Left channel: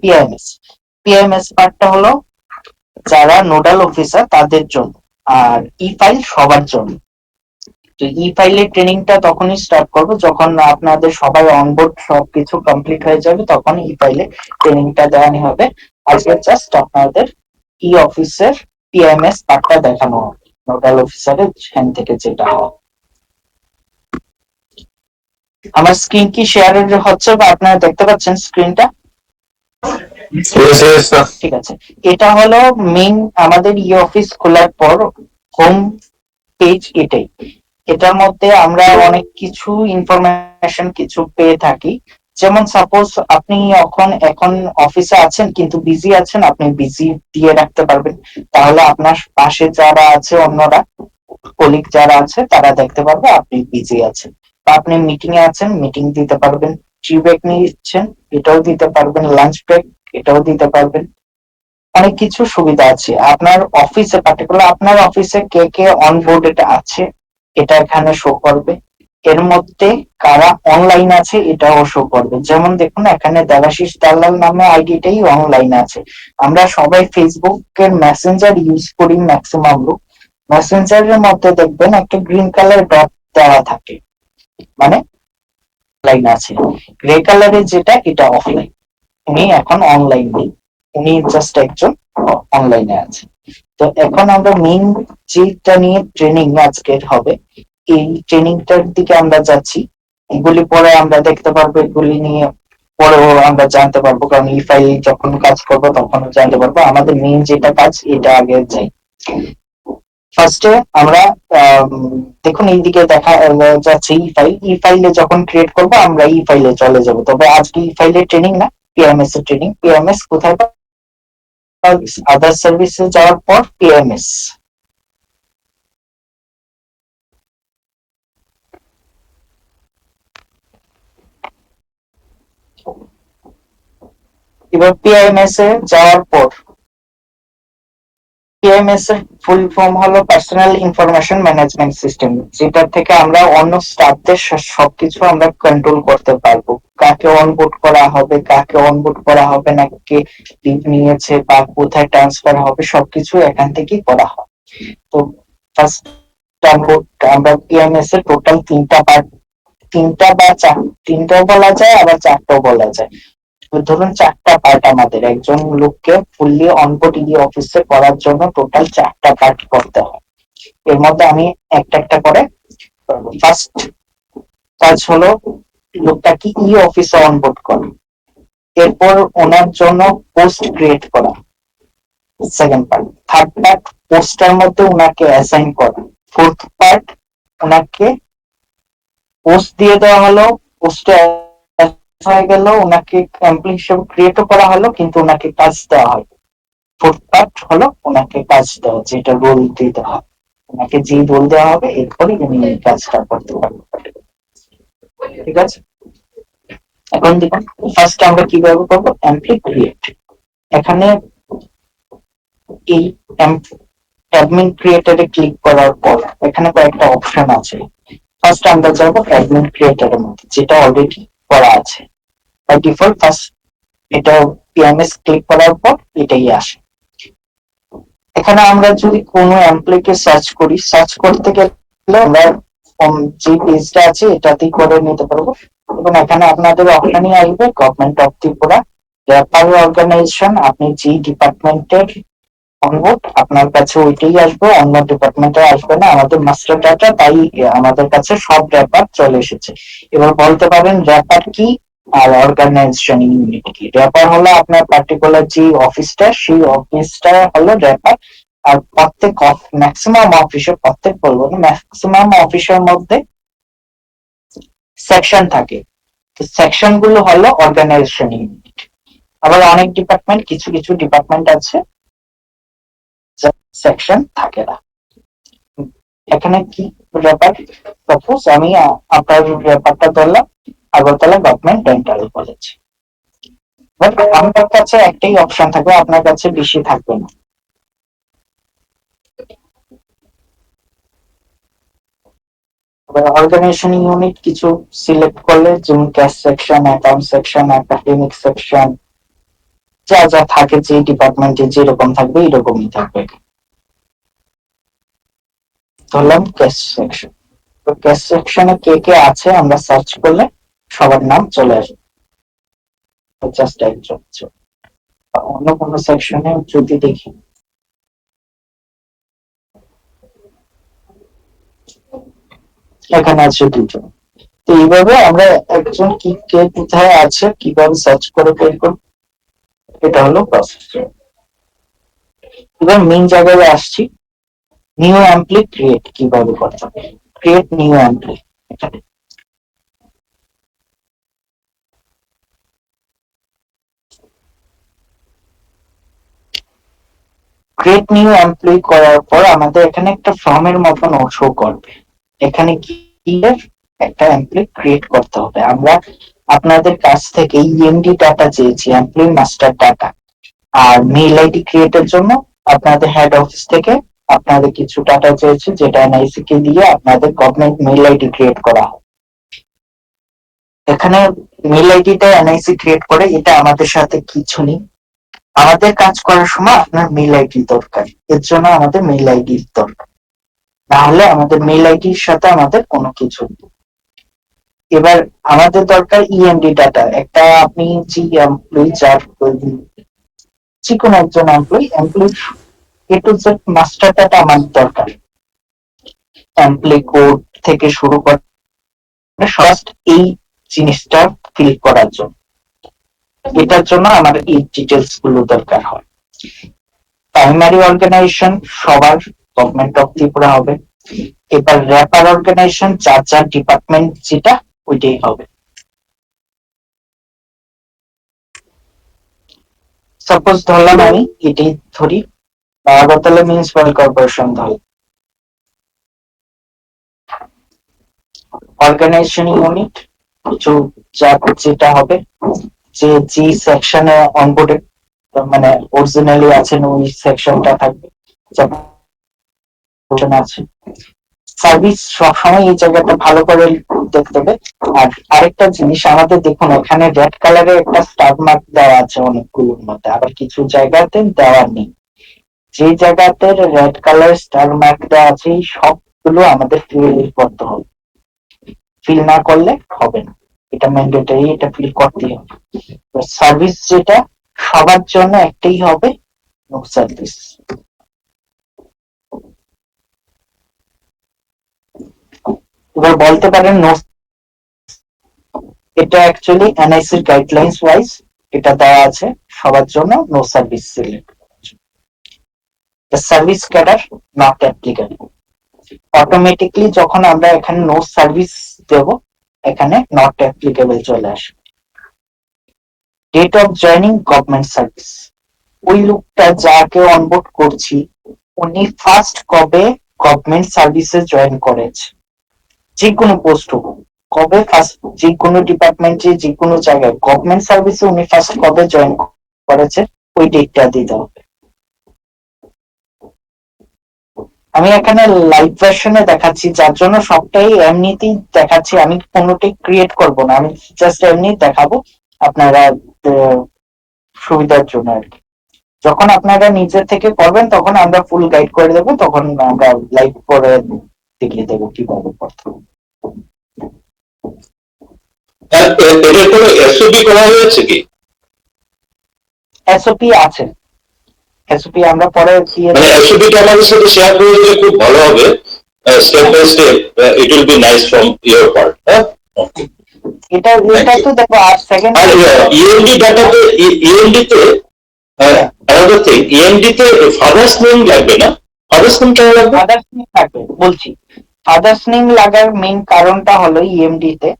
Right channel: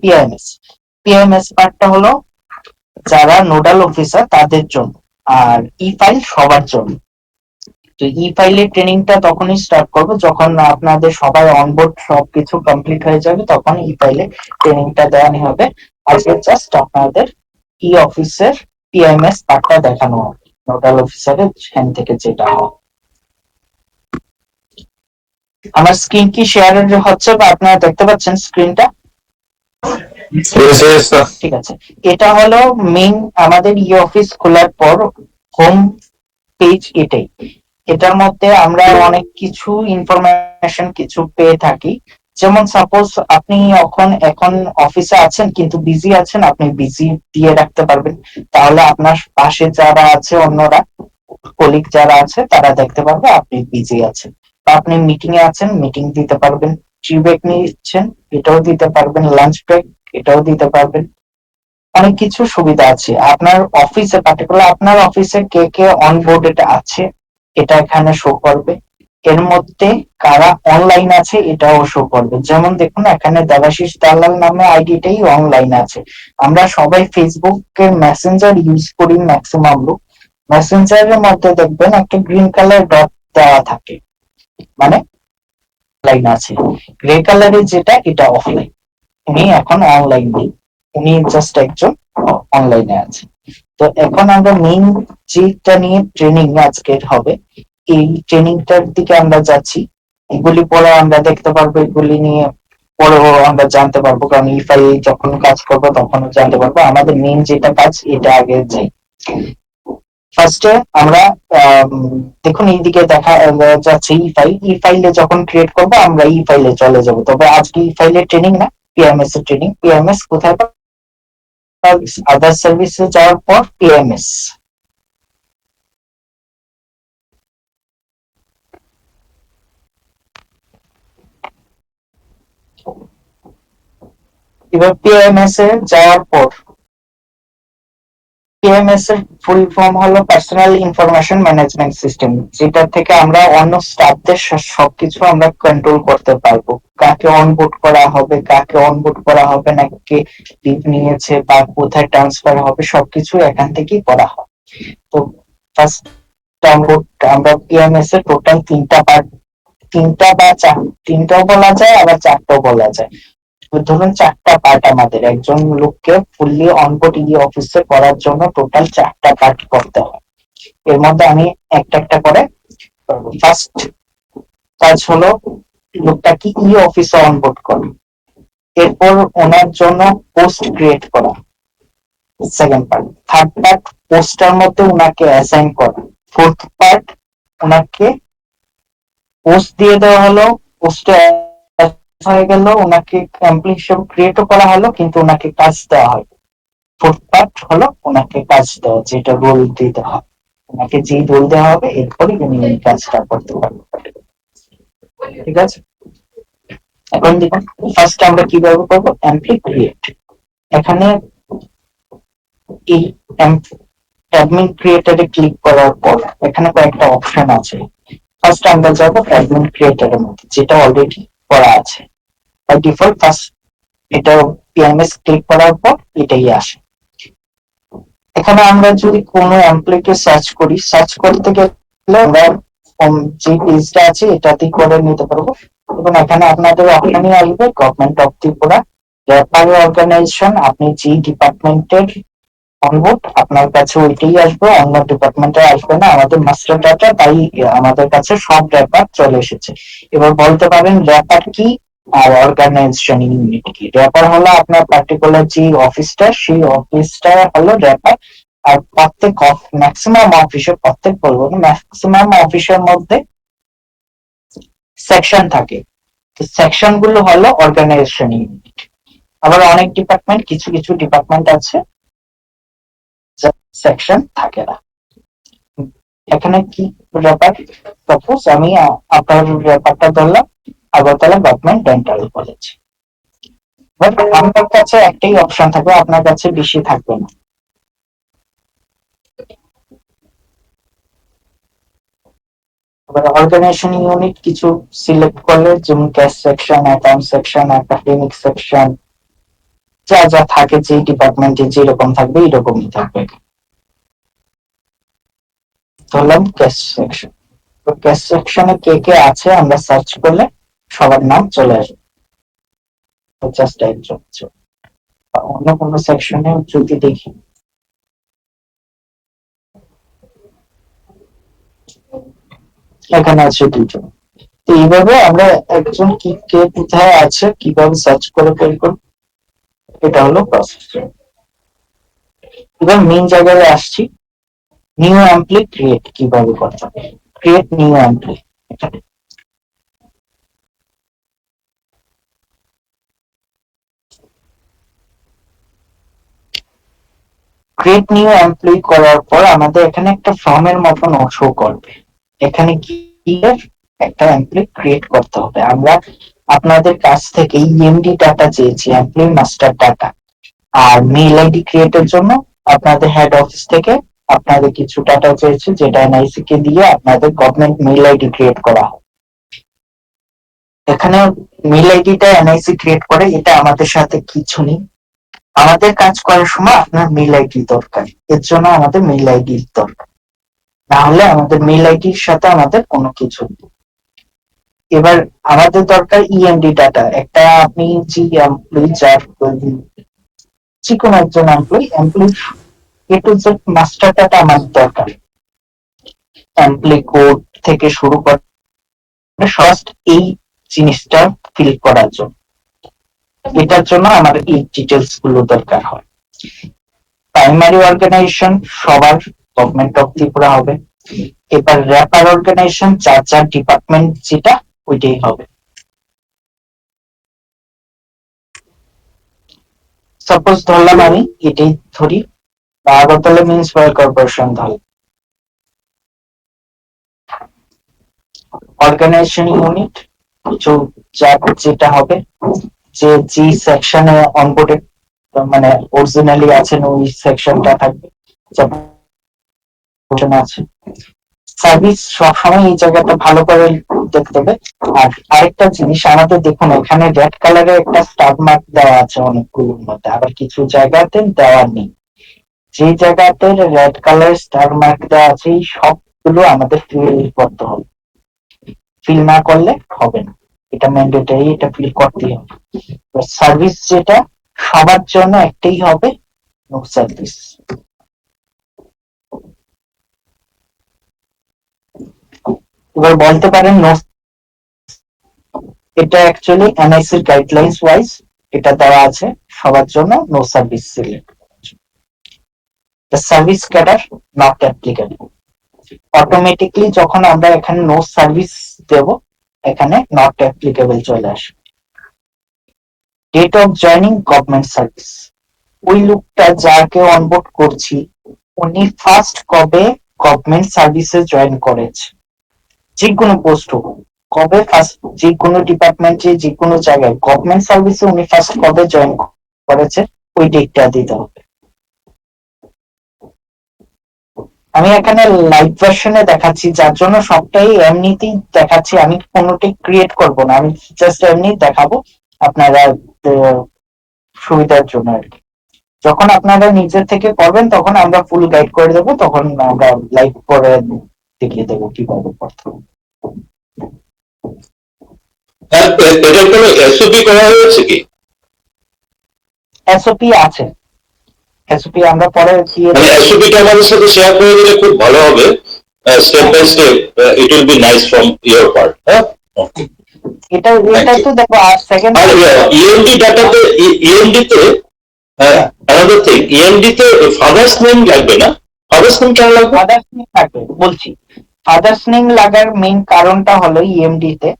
PMS. PMS পার্টটা হলো যারা নোডাল অফিসার তাদের জন্য, আর ই ফাইল সবার জন্য। তো ই ফাইলের ট্রেনিংটা তখনই স্টার্ট করবো যখন আপনাদের সবাই অনবোর্ড সবকিছু কমপ্লিট হয়ে যাবে, তখন ই ফাইলে ট্রেনিংটা দেওয়ানি হবে। আজকে জাস্ট আপনাদের ই অফিসের পিএমএস পার্টটা দেখানো হবে, নোডাল অফিসারের হ্যান্ড থেকে যেটা হয়। আমার স্ক্রিন কি শেয়ার হচ্ছে বা আপনারা দেখতে পাচ্ছেন স্ক্রিনটা? ঠিক আছে, এটা হলো মেইন আমাদের ই অফিস খোলার পর হোম পেজ এটাই। এটার মধ্যে আমরা অনেক কিছু ইনফরমেশন কিছু পেয়ে থাকি। যেমন সাপোজ আপনি এখন অফিসে আছেন কিন্তু বিজি আছেন, আপনি বিজি দিয়ে রাখতে পারবেন, তাহলে আপনার পাশে যারা আছে অন্যরা কলিগ যারা আছে তারা দেখতে পারবে আপনি বিজি আছেন। বা আপনি মিটিং এ আছেন, মিটিং দিতে পারবেন। টি ব্রেক নিচ্ছেন, এটাও দিতে পারবেন। লাঞ্চ ব্রেক, এটাও দিতে পারবেন। অনেক কিছু সুবিধা আছে আপনার অফিসে, পার্টিকুলার আপনার অফিসে কে কে অনবোর্ডেড আছে এটা এখানে শো করবে। এর মধ্যে কারা অনলাইন আছে এটাও শো করবে। যেমন দেখুন এখানে দেবাশিস দালাল নামে আইডিটাই অনলাইন আছে। আমরা সবাই ফেসবুকের মেসেঞ্জার ইউজ করি ম্যাক্সিমাম লোক। মেসেঞ্জারের মধ্যে দেখবেন একটা গ্রিন কালার ডট দেওয়া থাকে, মানে লাইন আছে। গ্রে কালারের যেটা এটা অফলাইন, উনি এখন অনলাইন নেই, উনি জাস্ট একজন অনলাইনে আছে। তো এখন আমরা মেইন যেটা নিয়ে ট্রেনিং আজকের হবে, এই ট্রেনিংটার দিকে আমরা যাচ্ছি। এগুলি পরে আমরা দেখতে পারবো, এগুলি নিয়ে পরেও আমরা জানতে পারবো, কারণ ইফাই যখন কাজ করবো তখন জানতে পারবো। আমাদের মেইন যেটা কাজ এটা আগে যাই। ফার্স্টে আমরা দেখুন এইদিকে দেখা যাচ্ছে ই ফাইলে যখন ক্রিয়েট করবো আমরা ই ফাইলে চলে যাব। তবে আজকে ই ফাইলের ট্রেনিং না, পিএমএস এর ট্রেনিং। পিএমএস কোথায়? আদার সার্ভিসে যাওয়ার পর পিএমএস। এবার পিএমএস এ যাওয়ার পর পিএমএস এর ফুল ফর্ম হলো পার্সোনাল ইনফরমেশন ম্যানেজমেন্ট সিস্টেম, যেটা থেকে আমরা অন্য স্টাফদের সবকিছু আমরা কন্ট্রোল করতে পারবো। কাকে অনবোর্ড করা হবে, কাকে অনবোর্ড করা হবে না, কে লিভ নিয়েছে বা কোথায় ট্রান্সফার হবে, সবকিছু এখান থেকেই করা হয়। তো ফার্স্ট আমরা পিএমএস এর টোটাল তিনটা পার্ট, তিনটা বা তিনটাও বলা যায় আবার চারটাও বলা যায়। ধরুন চারটা পার্ট, আমাদের একজন লোককে ফুললি অনবোর্ড ই অফিসে করার জন্য টোটাল চারটা পার্ট করতে হয়। এর মধ্যে আমি একটা একটা করে করবো। ফার্স্ট কাজ হলো লোকটাকে ই অফিসে অনবোর্ড করা, এরপর ওনার জন্য পোস্ট ক্রিয়েট করা second part. Third part poster মধ্যে ওনাকে অ্যাসাইন করা। ফোর্থ পার্ট ওনাকে পোস্ট দিয়ে দেওয়া হলো, পোস্টে হয়ে গেল, ওনাকে কমপ্লিট সব ক্রিয়েটও করা হলো কিন্তু ওনাকে কাজ দেওয়া হয়। ফোর্থ পার্ট হলো ওনাকে কাজ দেওয়া, যেটা রোল দিতে হয়, ওনাকে যে রোল দেওয়া হবে এরপরই উনি এই কাজটা করতে পারবেন। ঠিক আছে, এখন দেখুন ফার্স্ট আমরা কিভাবে করবো এমপ্লয়ি ক্রিয়েট। এখানে এই অ্যাডমিন ক্রিয়েটরে ক্লিক করার পর এখানে কয়েকটা অপশন আছে। ফার্স্ট আমরা যাবো অ্যাডমিন ক্রিয়েটরের মধ্যে, যেটা অলরেডি করা আছে বাই ডিফল্ট। ফার্স্ট এটা পিএমএস ক্লিক করার পর এটাই আসে। এখানে আমরা যদি কোনো এমপ্লয়িকে সার্চ করি, সার্চ করতে গেলে আমরা যে পেজটা আছে এটাতেই করে নিতে পারবো। এবং এখানে আপনাদের অপশনই আসবে government of Tripura refer organisation. আপনি যে ডিপার্টমেন্টের অনবোর্ড আপনার কাছে ওইটাই আসবে, অন্য ডিপার্টমেন্টে আসবে না। আমাদের মাস্টার ডাটা, তাই আমাদের কাছে সব র্যাপার চলে এসেছে। এবার বলতে পারেন র্যাপার কি আর অর্গানাইজেশন ইউনিট কি। র্যাপার হলো আপনার পার্টিকুলার যে অফিসটা, সেই অফিসটা হলো র্যাপার। আর প্রত্যেক ম্যাক্সিমাম অফিসে, প্রত্যেক বলবো না, ম্যাক্সিমাম অফিসের মধ্যে সেকশন থাকে। তো সেকশন গুলো হলো অর্গানাইজেশন ইউনিট। আবার অনেক ডিপার্টমেন্ট, কিছু কিছু ডিপার্টমেন্ট আছে সেকশন থাকে না। এখানে কি ব্যাপার, সাপোজ আমি আপনার ব্যাপারটা ধরলাম Agartala government dental college. But আমার কাছে একটাই অপশন থাকবে, আপনার কাছে বেশি থাকবে না। এবার অর্গানাইজেশন ইউনিট কিছু সিলেক্ট করলে, যেমন cash section, account section, academic section, যা যা থাকে, যে ডিপার্টমেন্টে যেরকম থাকবে এরকমই থাকবে। ধরলাম ক্যাশ সেকশন, তো ক্যাশ সেকশনে কে কে আছে আমরা সার্চ করলে সবার নাম চলে আসবে, জাস্ট একজন। অন্য কোনো সেকশনে যদি দেখি, এখানে আছে দুজন। তো এইভাবে আমরা একজন কি কে কোথায় আছে কিভাবে সার্চ করে বের করব, এটা হলো প্রসেস। এবার মেইন জায়গায় আসছি, নিউ অ্যাম্পলি ক্রিয়েট কিভাবে করতে হবে। Create new employee, create new employee করার পর আমাদের এখানে একটা ফর্মের মতন শো করবে। এখানে গিয়ে একটা এমপ্লয়ি ক্রিয়েট করতে হবে। আমরা আপনাদের কাছ থেকে ইএমডি ডাটা চেয়েছি, এমপ্লয়ি মাস্টার ডাটা, আর মেইল আইডি ক্রিয়েটের জন্য আপনাদের হেড অফিস থেকে আপনাদের কিছু ডাটা চেয়েছে, যেটা এনআইসি কে দিয়ে আপনাদের গভর্নমেন্ট মেইল আইডি ক্রিয়েট করা হয়। এখানে মেইল আইডিটা এনআইসি ক্রিয়েট করে, এটা আমাদের সাথে কিছু নেই। আমাদের কাজ করার সময় আপনার মেইল আইডি দরকার, এর জন্য আমাদের মেইল আইডি দরকার, তাহলে আমাদের মেইল আইডির সাথে আমাদের কোনো কিছু নেই। এবার আমাদের দরকার ইএমডি ডাটা, একটা আপনি যে এমপ্লয়ি, যার যে কোনো একজন employee A to Z master data আমার দরকার, এমপ্লয়ি কোড থেকে শুরু করে ফার্স্ট এই জিনিসটা ফিল করার জন্য। এটার জন্য আমার এই ডিটেলস গুলো দরকার হয়। প্রাইমারি অর্গানাইজেশন সবার গভর্নমেন্ট অফ ত্রিপুরা হবে। এবার র্যাপার অর্গানাইজেশন যার যার ডিপার্টমেন্ট যেটা ওইটাই হবে। সাপোজ ধরলাম আমি এটাই ধরি, আগরতলা মিউনিসিপাল কর্পোরেশন ধরি, অর্গানাইজেশন ইউনিট কিছু যেটা হবে, যে জি সেকশনে অনবোর্ডেড মানে অরিজিনালি আছেন ওই সেকশনটা থাকবে, আছে। সার্ভিস সবসময় এই জায়গাটা ভালো করে দেখতে হবে। আর আরেকটা জিনিস আমাদের দেখুন, এখানে রেড কালারের একটা স্টার মার্ক দেওয়া আছে অনেকগুলোর মধ্যে, আবার কিছু জায়গাতে দেওয়া নেই। যে জায়গাতে রেড কালার স্টার মার্ক দেওয়া আছে সবগুলো আমাদের ফিল করতে হবে, ফিল না করলে হবে না, এটা ম্যান্ডেটরি, এটা ফিল করতেই হবে। সার্ভিস যেটা সবার জন্য একটাই হবে, নো সার্ভিস। এবার বলতে পারেন নো, এটা অ্যাকচুয়ালি এনআইসির গাইডলাইন্স ওয়াইজ এটা দেওয়া আছে সবার জন্য, no service select. The service cadre not applicable, automatically যখন আমরা এখানে নো সার্ভিস দেব এখানে নট অ্যাপ্লিকেবল চলে আসবে। Date of joining government service, ওই লোকটা যাকে অনবোর্ড করছি উনি ফার্স্ট কবে গভর্নমেন্ট সার্ভিসে জয়েন করেছে, যে কোনো পোস্ট হোক, কবে ফার্স্ট, যে কোনো ডিপার্টমেন্টে যে কোনো জায়গায় গভর্নমেন্ট সার্ভিসে উনি ফার্স্ট কবে জয়েন করেছে ওই ডেটটা দিতে হবে। আমি এখানে লাইভ ভার্সনে দেখাচ্ছি, যার জন্য সবটাই এমনিতেই দেখাচ্ছি, আমি কোনোটাই ক্রিয়েট করব না, আমি জাস্ট এমনি দেখাবো আপনারা সুবিধার জন্য আর কি। যখন আপনারা নিজে থেকে করবেন তখন আমরা ফুল গাইড করে দেবো, তখন আমরা লাইভ করে দেখিয়ে দেবো কিভাবে করতে হবে। এটার কোনো এসওপি করা হয়েছে কি? এসওপি আছে, এসওপি আমরা পরে দিয়ে মানে এসওপিটা আমাদের সাথে শেয়ার করে দিলে খুব ভালো হবে, step by step, it will be nice from your part. হ্যাঁ, এটা তো দেখো 8 সেকেন্ড। আর ইএমডি ডাটাতে, ইএমডি তে another thing, ইএমডি তে ফাদার্স নেম লাগবে না? ফাদার্স নেম কেন লাগবে? ফাদার্স নেম লাগবে বলছি, ফাদার্স নেম লাগার মেইন কারণটা হলো ইএমডি তে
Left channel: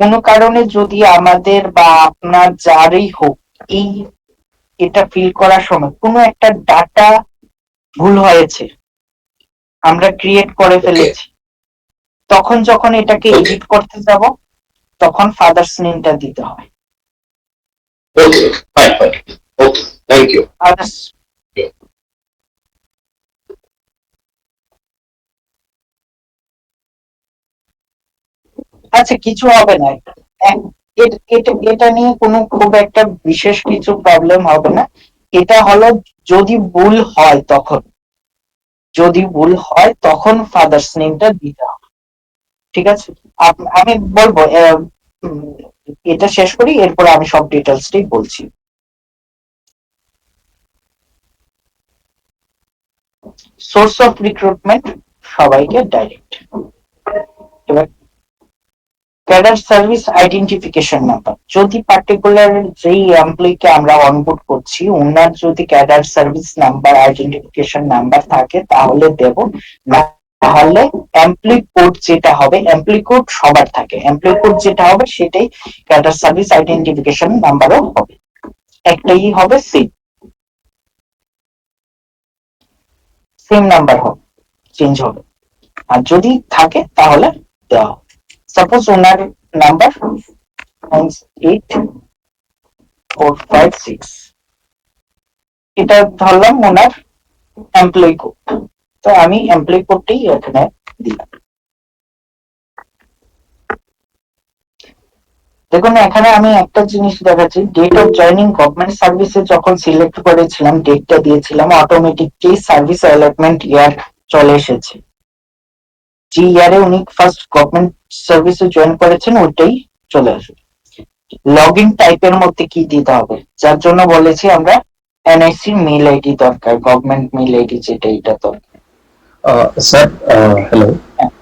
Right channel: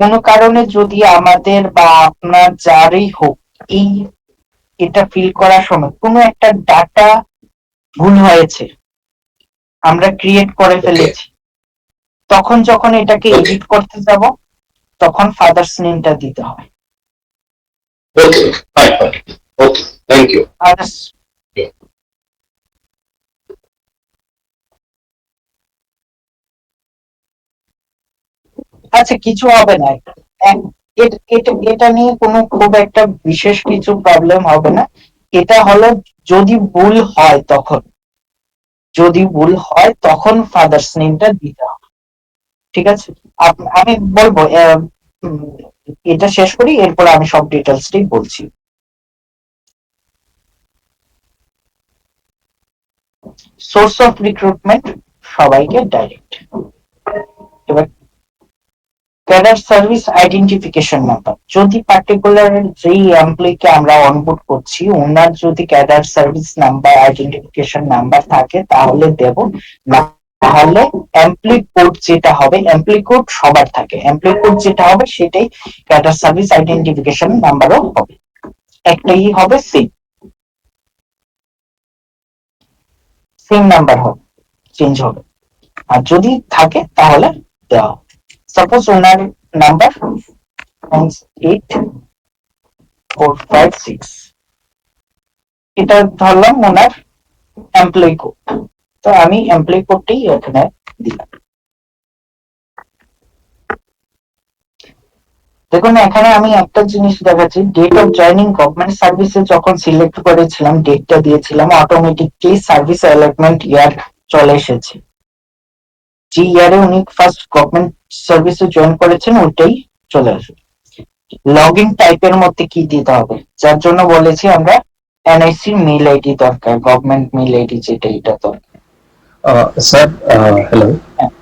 কোনো কারণে যদি আমাদের বা আপনার যারই হোক এই এটা ফিল করার সময় কোনো একটা ডাটা ভুল হয়েছে, আমরা ক্রিয়েট করে ফেলেছি, তখন যখন এটাকে এডিট করতে যাব তখন ফাদার্স নেমটা দিতে হয়। Okay, fine fine, okay, thank you. আচ্ছা কিছু হবে না, এটা নিয়ে কোনো খুব একটা বিশেষ কিছু প্রবলেম হবে না। এটা হলো যদি ভুল হয় তখন, ফাদার্স নেমটা দিতে হবে। ঠিক আছে, আমি বলবো উম, এটা শেষ করি, এরপর আমি সব ডিটেলসটাই বলছি। সোর্স অফ রিক্রুটমেন্ট সবাইকে ডাইরেক্ট। এবার ক্যাডার সার্ভিস আইডেন্টিফিকেশন নাম্বার, যদি পার্টিকুলার যেই এমপ্লয়িকে আমরা অনবোর্ড করছি ওনার যদি cadre service number identification number থাকে তাহলে দেব, না তাহলে এমপ্লয়ি কোড যেটা হবে, এমপ্লয়ি কোড সবার থাকে, এমপ্লয়ি কোড যেটা হবে সেটাই ক্যাডার সার্ভিস আইডেন্টিফিকেশন নাম্বারও হবে, একটাই হবে, সেম নাম্বার হবে, চেঞ্জ হবে। আর যদি থাকে তাহলে দেওয়া হবে। সাপোজ ওনার নাম্বার 98456, এটা ধরলাম ওনার এমপ্লয়ি কোড, তো আমি এমপ্লয়ি কোডটাই এখানে দিলাম। দেখুন এখানে আমি একটা জিনিস দেখাচ্ছি, ডেট অফ জয়নিং গভর্নমেন্ট সার্ভিসে যখন সিলেক্ট করেছিলাম, ডেটটা দিয়েছিলাম, অটোমেটিকলি সার্ভিস অ্যালটমেন্ট ইয়ার চলে এসেছে। যে ইয়ারে উনি ফার্স্ট গভর্নমেন্ট সার্ভিসে জয়েন করেছেন ওইটাই চলে আসবে। লগ ইন টাইপের মধ্যে কি দিতে হবে, যার জন্য বলেছি আমরা এনআইসি মেইল আইডি দরকার, গভর্নমেন্ট মেইল আইডি যেটা, এটা দরকার। স্যার হ্যালো, হ্যাঁ,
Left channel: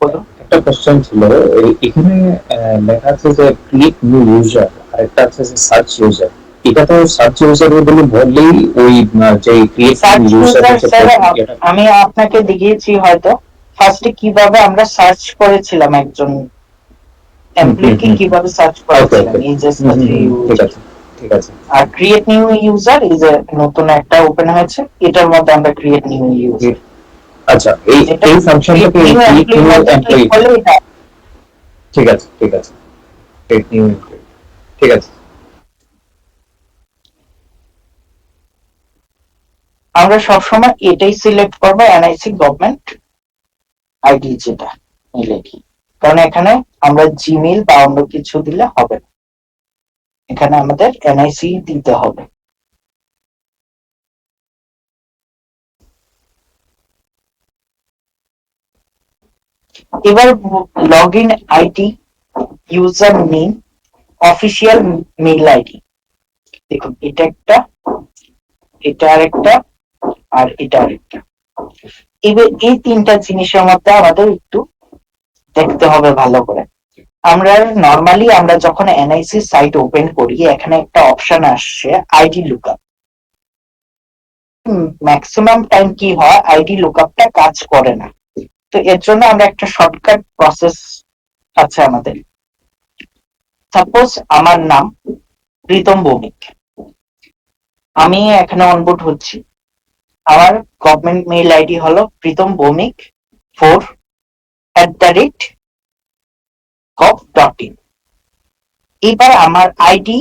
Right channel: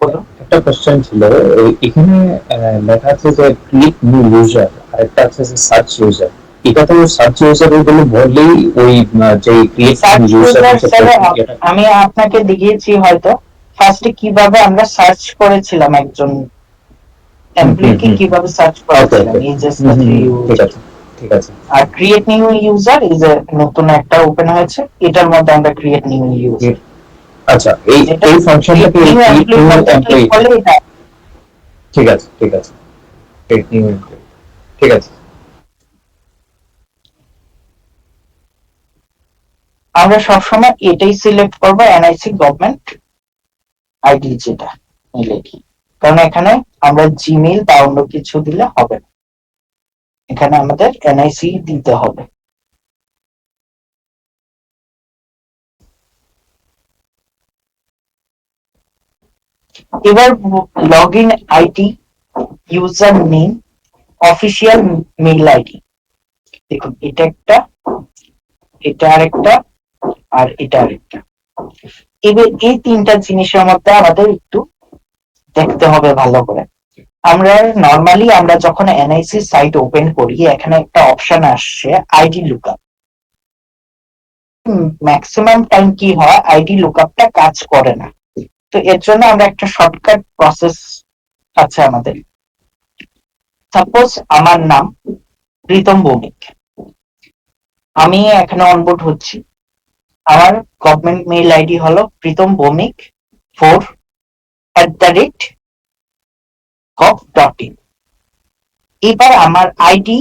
বলুন। একটা কোশ্চেন ছিল। এখানে লেখা আছে যে ক্রিয়েট নিউ ইউজার, আর একটা আছে যে সার্চ ইউজার। এটা তো সার্চ ইউজার বলে বললেই ওই যে create search new user user হচ্ছে স্যার প্রক্রিয়াটা। আমি আপনাকে দেখিয়েছি হয়তো, ফার্স্টে কিভাবে আমরা সার্চ করেছিলাম একজন এমপ্লয়িকে, কিভাবে সার্চ ওকে করেছিলাম, ওকে, এই যে ঠিক আছে ঠিক আছে। আর ক্রিয়েট নিউ ইউজার এই যে নতুন একটা ওপেন হয়েছে, এটার মধ্যে আমরা ক্রিয়েট নিউ ইউজার, আচ্ছা, এই যেটা এই ফাংশনটাকে নিউ ক্রিয়েট এমপ্লয়ির নিউ মধ্যে ক্লিক এমপ্লয়ি। করলে এটা। ঠিক আছে ঠিক আছে, ক্রিয়েট নিউ এমপ্লয়ি, ঠিক আছে। আমরা সবসময় এটাই সিলেক্ট করবো, এনআইসি গভর্নমেন্ট আইডি যেটা মেইল আইডি, কারণ এখানে আমরা জিমেইল বা অন্য কিছু দিলে হবে না, এখানে আমাদের এনআইসি দিতে হবে। এবার log in ID, user name, official mail ID, দেখুন এটা একটা, এটা আরেকটা, আর এটা আরেকটা। এবার এই তিনটা জিনিসের মধ্যে আমাদের একটু দেখতে হবে ভালো করে। আমরা নরমালি আমরা যখন এনআইসি সাইট ওপেন করি এখানে একটা অপশন আসছে আইডি লুকআপ। ম্যাক্সিমাম টাইম কি হয় আইডি লুকআপটা কাজ করে না, তো এর জন্য আমরা একটা শর্টকাট প্রসেস আছে আমাদের। সাপোজ আমার নাম প্রীতম ভৌমিক, আমি এখানে অনবোর্ড হচ্ছি, আমার গভর্নমেন্ট মেইল আইডি হলো প্রীতম ভৌমিক 4@gov.in। এবার আমার আইডি,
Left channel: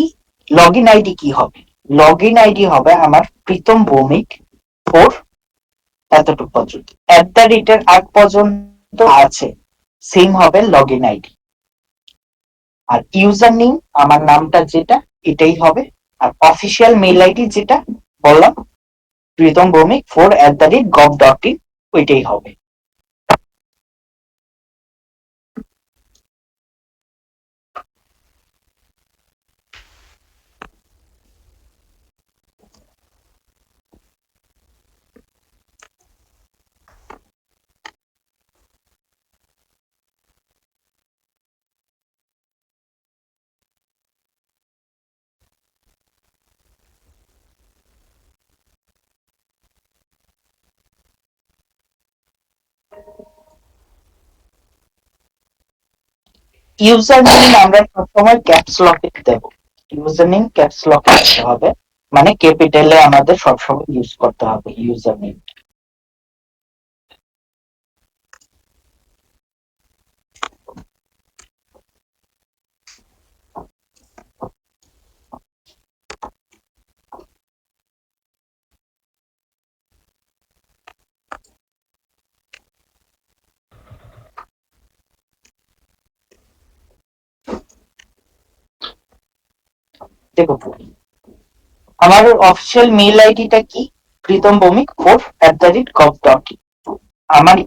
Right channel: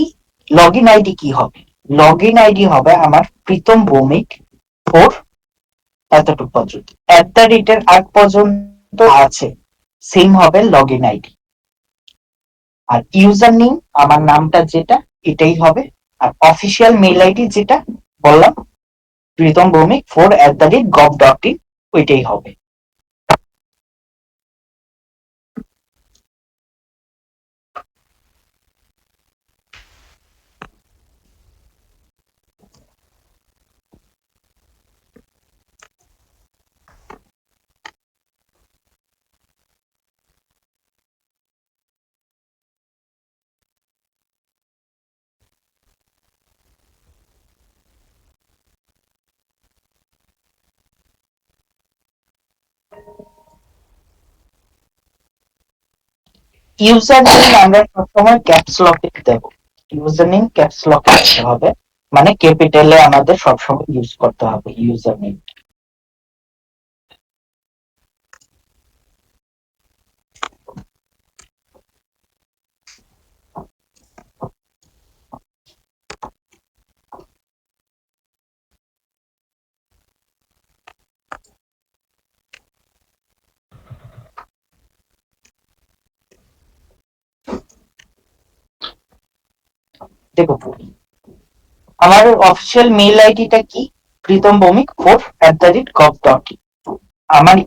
লগ ইন আইডি কি হবে, লগ ইন আইডি হবে আমার প্রীতম ভৌমিক 4 এতটুকু পর্যন্ত, @এর আগ পর্যন্ত আছে সেম হবে লগ ইন আইডি। আর ইউজার নেম আমার নামটা যেটা এটাই হবে, আর অফিসিয়াল মেইল আইডি যেটা বললাম প্রীতম ভৌমিক 4@gov.in ওইটাই হবে। ইউজার নেম আমরা সবসময় ক্যাপস লকে দেব, ইউজার নেম ক্যাপস লকে দিতে হবে, মানে ক্যাপিটালে আমাদের সবসময় ইউজ করতে হবে ইউজার নেম। দেখো, আমার অফিসিয়াল মেইল আইডিটা কি? প্রীতম ভৌমিক 4@gov.in। আমার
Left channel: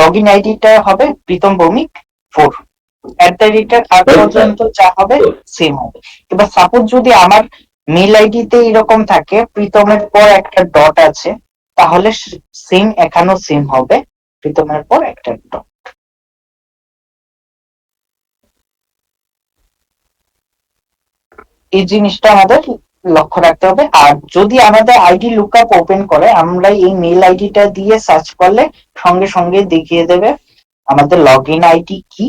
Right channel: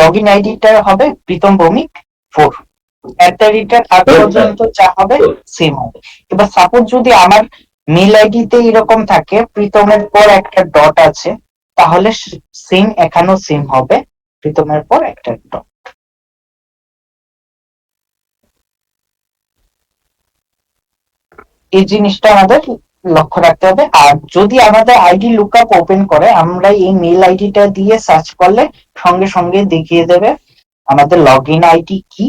লগ ইন আইডিটা হবে প্রীতম ভৌমিক 4 আগ পর্যন্ত যা হবে সেম হবে। এবার সাপোজ যদি আমার মেইল আইডিতে এরকম থাকে প্রীতমের পর একটা ডট আছে, তাহলে সেম এখানেও সেম হবে, প্রীতমের পর একটা ডট। এই জিনিসটা আমাদের লক্ষ্য রাখতে হবে। আর যদি আমাদের আইডি লুকআপ ওপেন করে, আমরা এই মেইল আইডিটা দিয়ে সার্চ করলে সঙ্গে সঙ্গে দেখিয়ে দেবে আমাদের লগ ইন আইডি কি,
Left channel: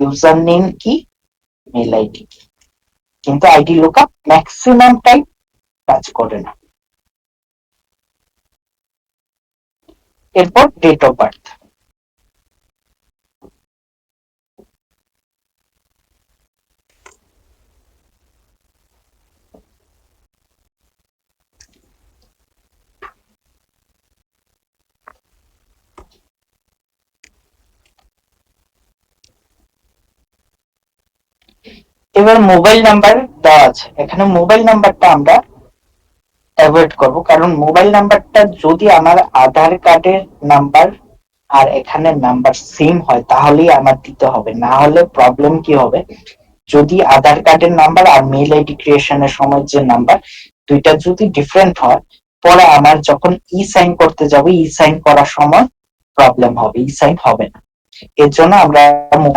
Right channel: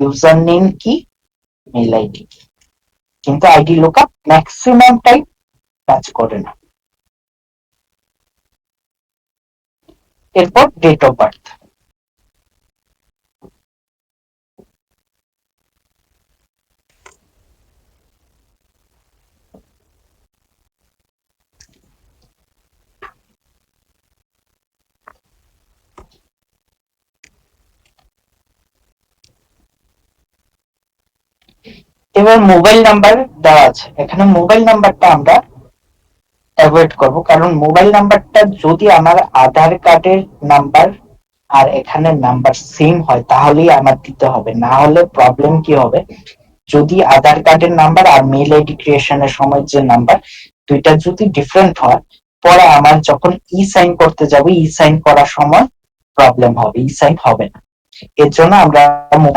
ইউজার নেম কি, মেইল আইডি কি। কিন্তু আইডি লুকআপ ম্যাক্সিমাম টাইম কাজ করে না। এরপর ডেট অফ বার্থ। এবার মোবাইল নাম্বার দেওয়া আছে, এখানে মোবাইল নাম্বারটা আমরা অ্যাভয়েড করব, কারণ মোবাইল নাম্বারটা যদি আমার আধার কার্ডের নাম্বার আর এখানে নাম্বার সেম হয় তাহলেই আমার দিতে হবে, না হলে প্রবলেম কি হবে, যদি আধার কার্ডের নাম্বার আর মেইল আইডি ক্রিয়েশনের সময় যে নাম্বার দুইটা যদি ডিফারেন্ট হয়, পরে আমার যখন ই সাইন করতে যাব, ই সাইন করার সময় প্রবলেম হবে, ই সাইন হবে না। এর জন্য আমরা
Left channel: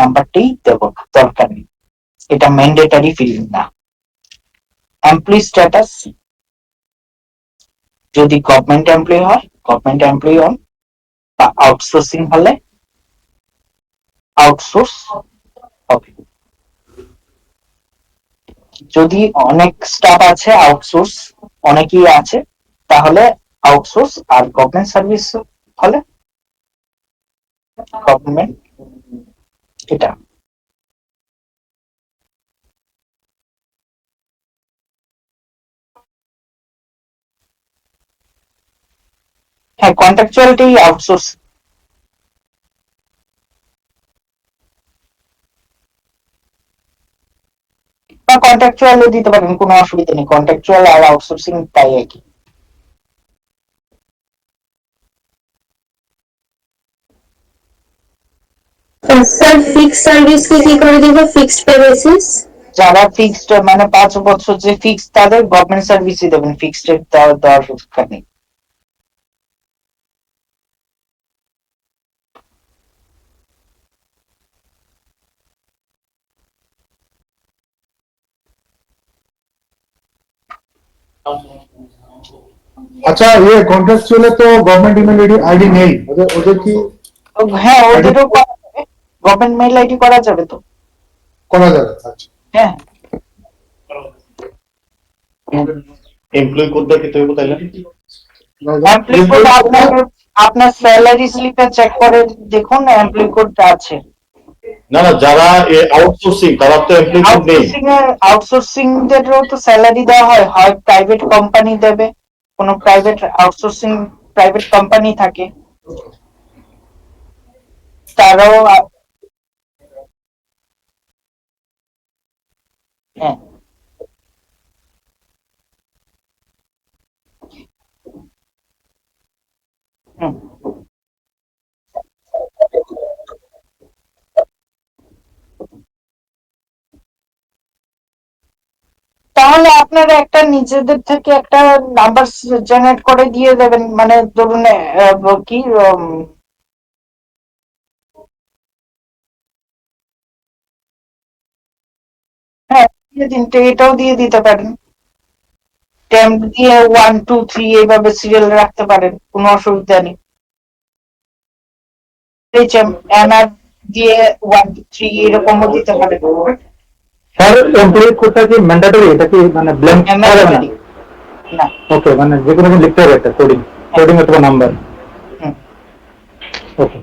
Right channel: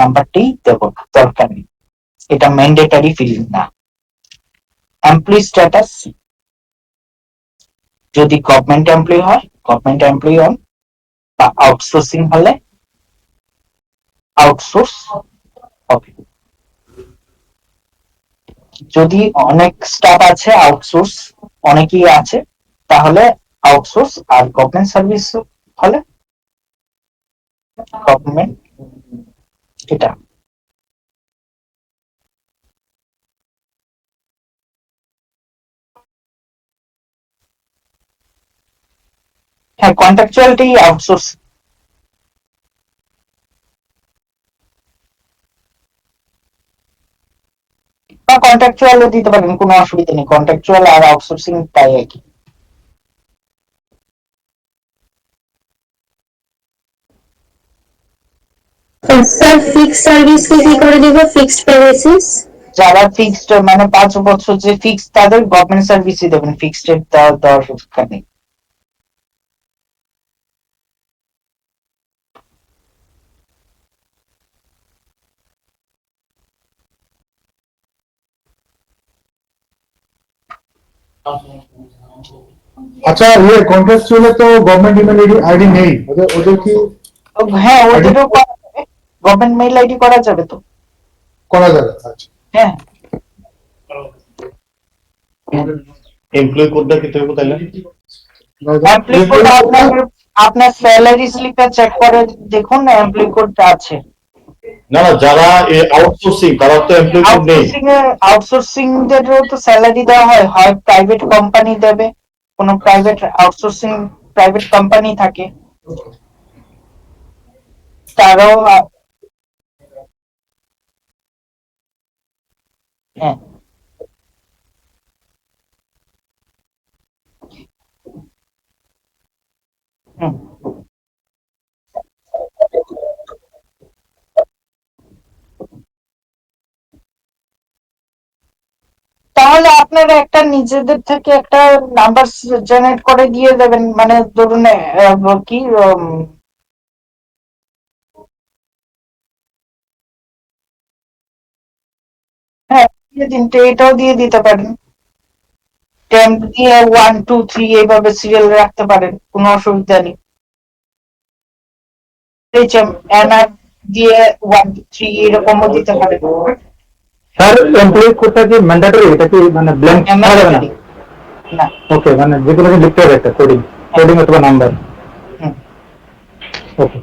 নাম্বারটাই দেব না, দরকার নেই, এটা ম্যান্ডেটরি ফিল্ড না। এমপ্লয়ি স্ট্যাটাস, যদি গভর্নমেন্ট এমপ্লয়ি হয় গভর্নমেন্ট এমপ্লয়ি অন, বা আউটসোর্সিং হলে আউটসোর্স হবে। যদি অনেক স্টাফ আছে, আউটসোর্স অনেকেই আছে, তাহলে আউটসোর্স। আর গভর্নমেন্ট সার্ভিস হলে গভর্নমেন্ট। এটা হ্যাঁ, কন্ট্রাকচুয়ালটাই আউটসোর্স। বা কন্ট্রাকচুয়ালও দিতে পারেন, কোনো অসুবিধা নেই, কন্ট্রাকচুয়াল আর আউটসোর্সিং তাই একই। স্যার ফিক্সড সার্ভিস কি করে দিব? ফিক্সড পে বেসিস যারা ফিক্সড মানে 5 বছর যে ফিক্সড, তাদের গভর্নমেন্ট সার্ভিসই দেবেন, ফিক্সড দেওয়ার দরকার নেই। আচ্ছা, কন্ট্রাকচুয়ালে তো গভর্নমেন্ট ইমেল আইডি নেই, ওদের ওদের কি হ্যাঁ, ওদেরও করা যাবে, গভর্নমেন্ট মেইল আইডি করা যাবে তো। করা যাবে? আচ্ছা, হ্যাঁ, এমপ্লয়ি কোডটা কি তুমি তাইলে এমপ্লয়ি কোড আপনার স্যালারি স্লিপে চেক করে দেখুন, এমপ্লয়ি কোডটা আছে। না না, যারা আউটসোর্সিং তারা তো এমপ্লয়ি কোড নেই। আউটসোর্সিং দেরও তো স্যালারি দেওয়া হয়, হয় প্রাইভেট কোম্পানি দেবে, কোনো প্রাইভেট আউটসোর্সিং প্রাইভেট কোম্পানি থাকে, তারাও হ্যাঁ। হুম। তাহলে আপনারা একটা নিজেদের থেকে একটা নাম্বার জেনারেট করে দিয়ে দেবেন, মানে ধরুন কি হ্যাঁ, দিয়ে দিন, এটাও দিয়ে দিতে পারেন, টেম্প দিয়ে 1 2 3 এইভাবে সিরিয়াল রাখতে পারেন, কোনো অসুবিধা নেই। এনআর দিয়ে 1 2 3 এরকমও দিতে পারেন। স্যার এমপ্লয়ি কোডটা কি ম্যান্ডেটরি, এটা কি মানে ব্ল্যাঙ্ক করা যাবে না? না। ওকে, মানে যে কোনো কিছু লিখতে হবে একটা কোডিং, কোডিং অথবা নাম্বার। হুম। ওকে।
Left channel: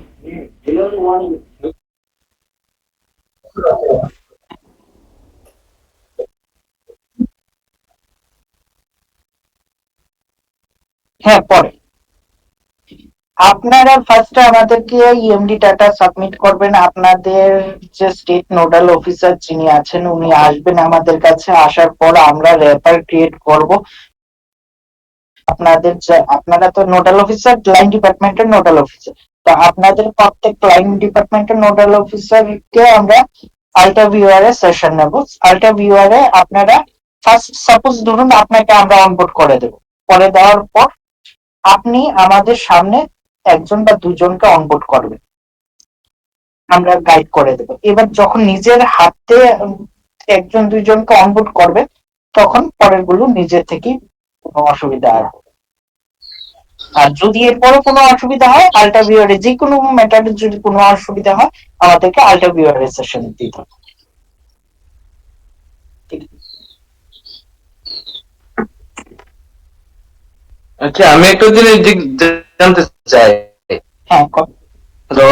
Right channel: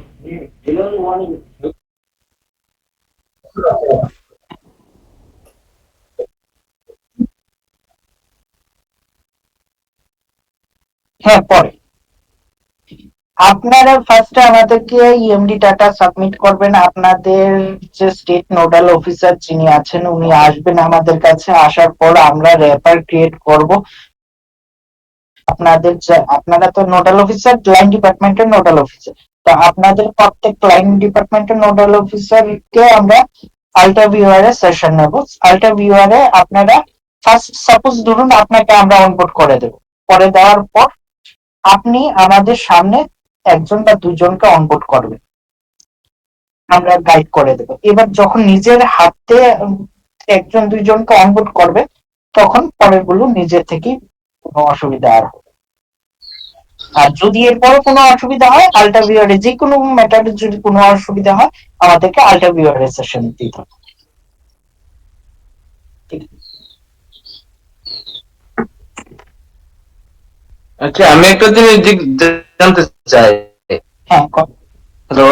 হ্যাঁ, পরে আপনারা ফার্স্টে আমাদেরকে ইএমডি ডাটা সাবমিট করবেন। আপনাদের যে স্টেট নোডাল অফিসার যিনি আছেন উনি আসবেন আমাদের কাছে। আসার পর আমরা র্যাপার ক্রিয়েট করব। আপনারা তো নোডাল অফিসার, ক্লায়েন্ট ডিপার্টমেন্টের নোডাল অফিসার, তো আপনাদের প্রত্যেক ক্লায়েন্ট ডিপার্টমেন্টের নোডাল অফিসারকে আমরা আল্টা ভিউয়ার এ সেশন নেব। আল্টা ভিউয়ার এ আপনারা ফার্স্ট সাপোজ ধরুন আপনাকে আমরা অনবোর্ড করে দেব। করে দেওয়ার পর আপনি আমাদের সামনে একজন বা দুজনকে অনবোর্ড করবেন, আমরা গাইড করে দেব। এবার যখন নিজের হাতে একজন দুইজনকে অনবোর্ড করবে তখন পরের গুলো নিজের থেকেই কোনো অসুবিধা আর হবে। আর যদি এরপরও কোনো অসুবিধা হয় আল্টা ভিউয়ারে যে কোনো ম্যাটারে যদি কোনো অসুবিধা হয় আমাদেরকে আল্টা ভিউয়ারে সেশন দিতে হবে। ঠিক আছে? আচ্ছা, আমি একটা জিনিস জানতে চাই। হ্যাঁ হ্যালো,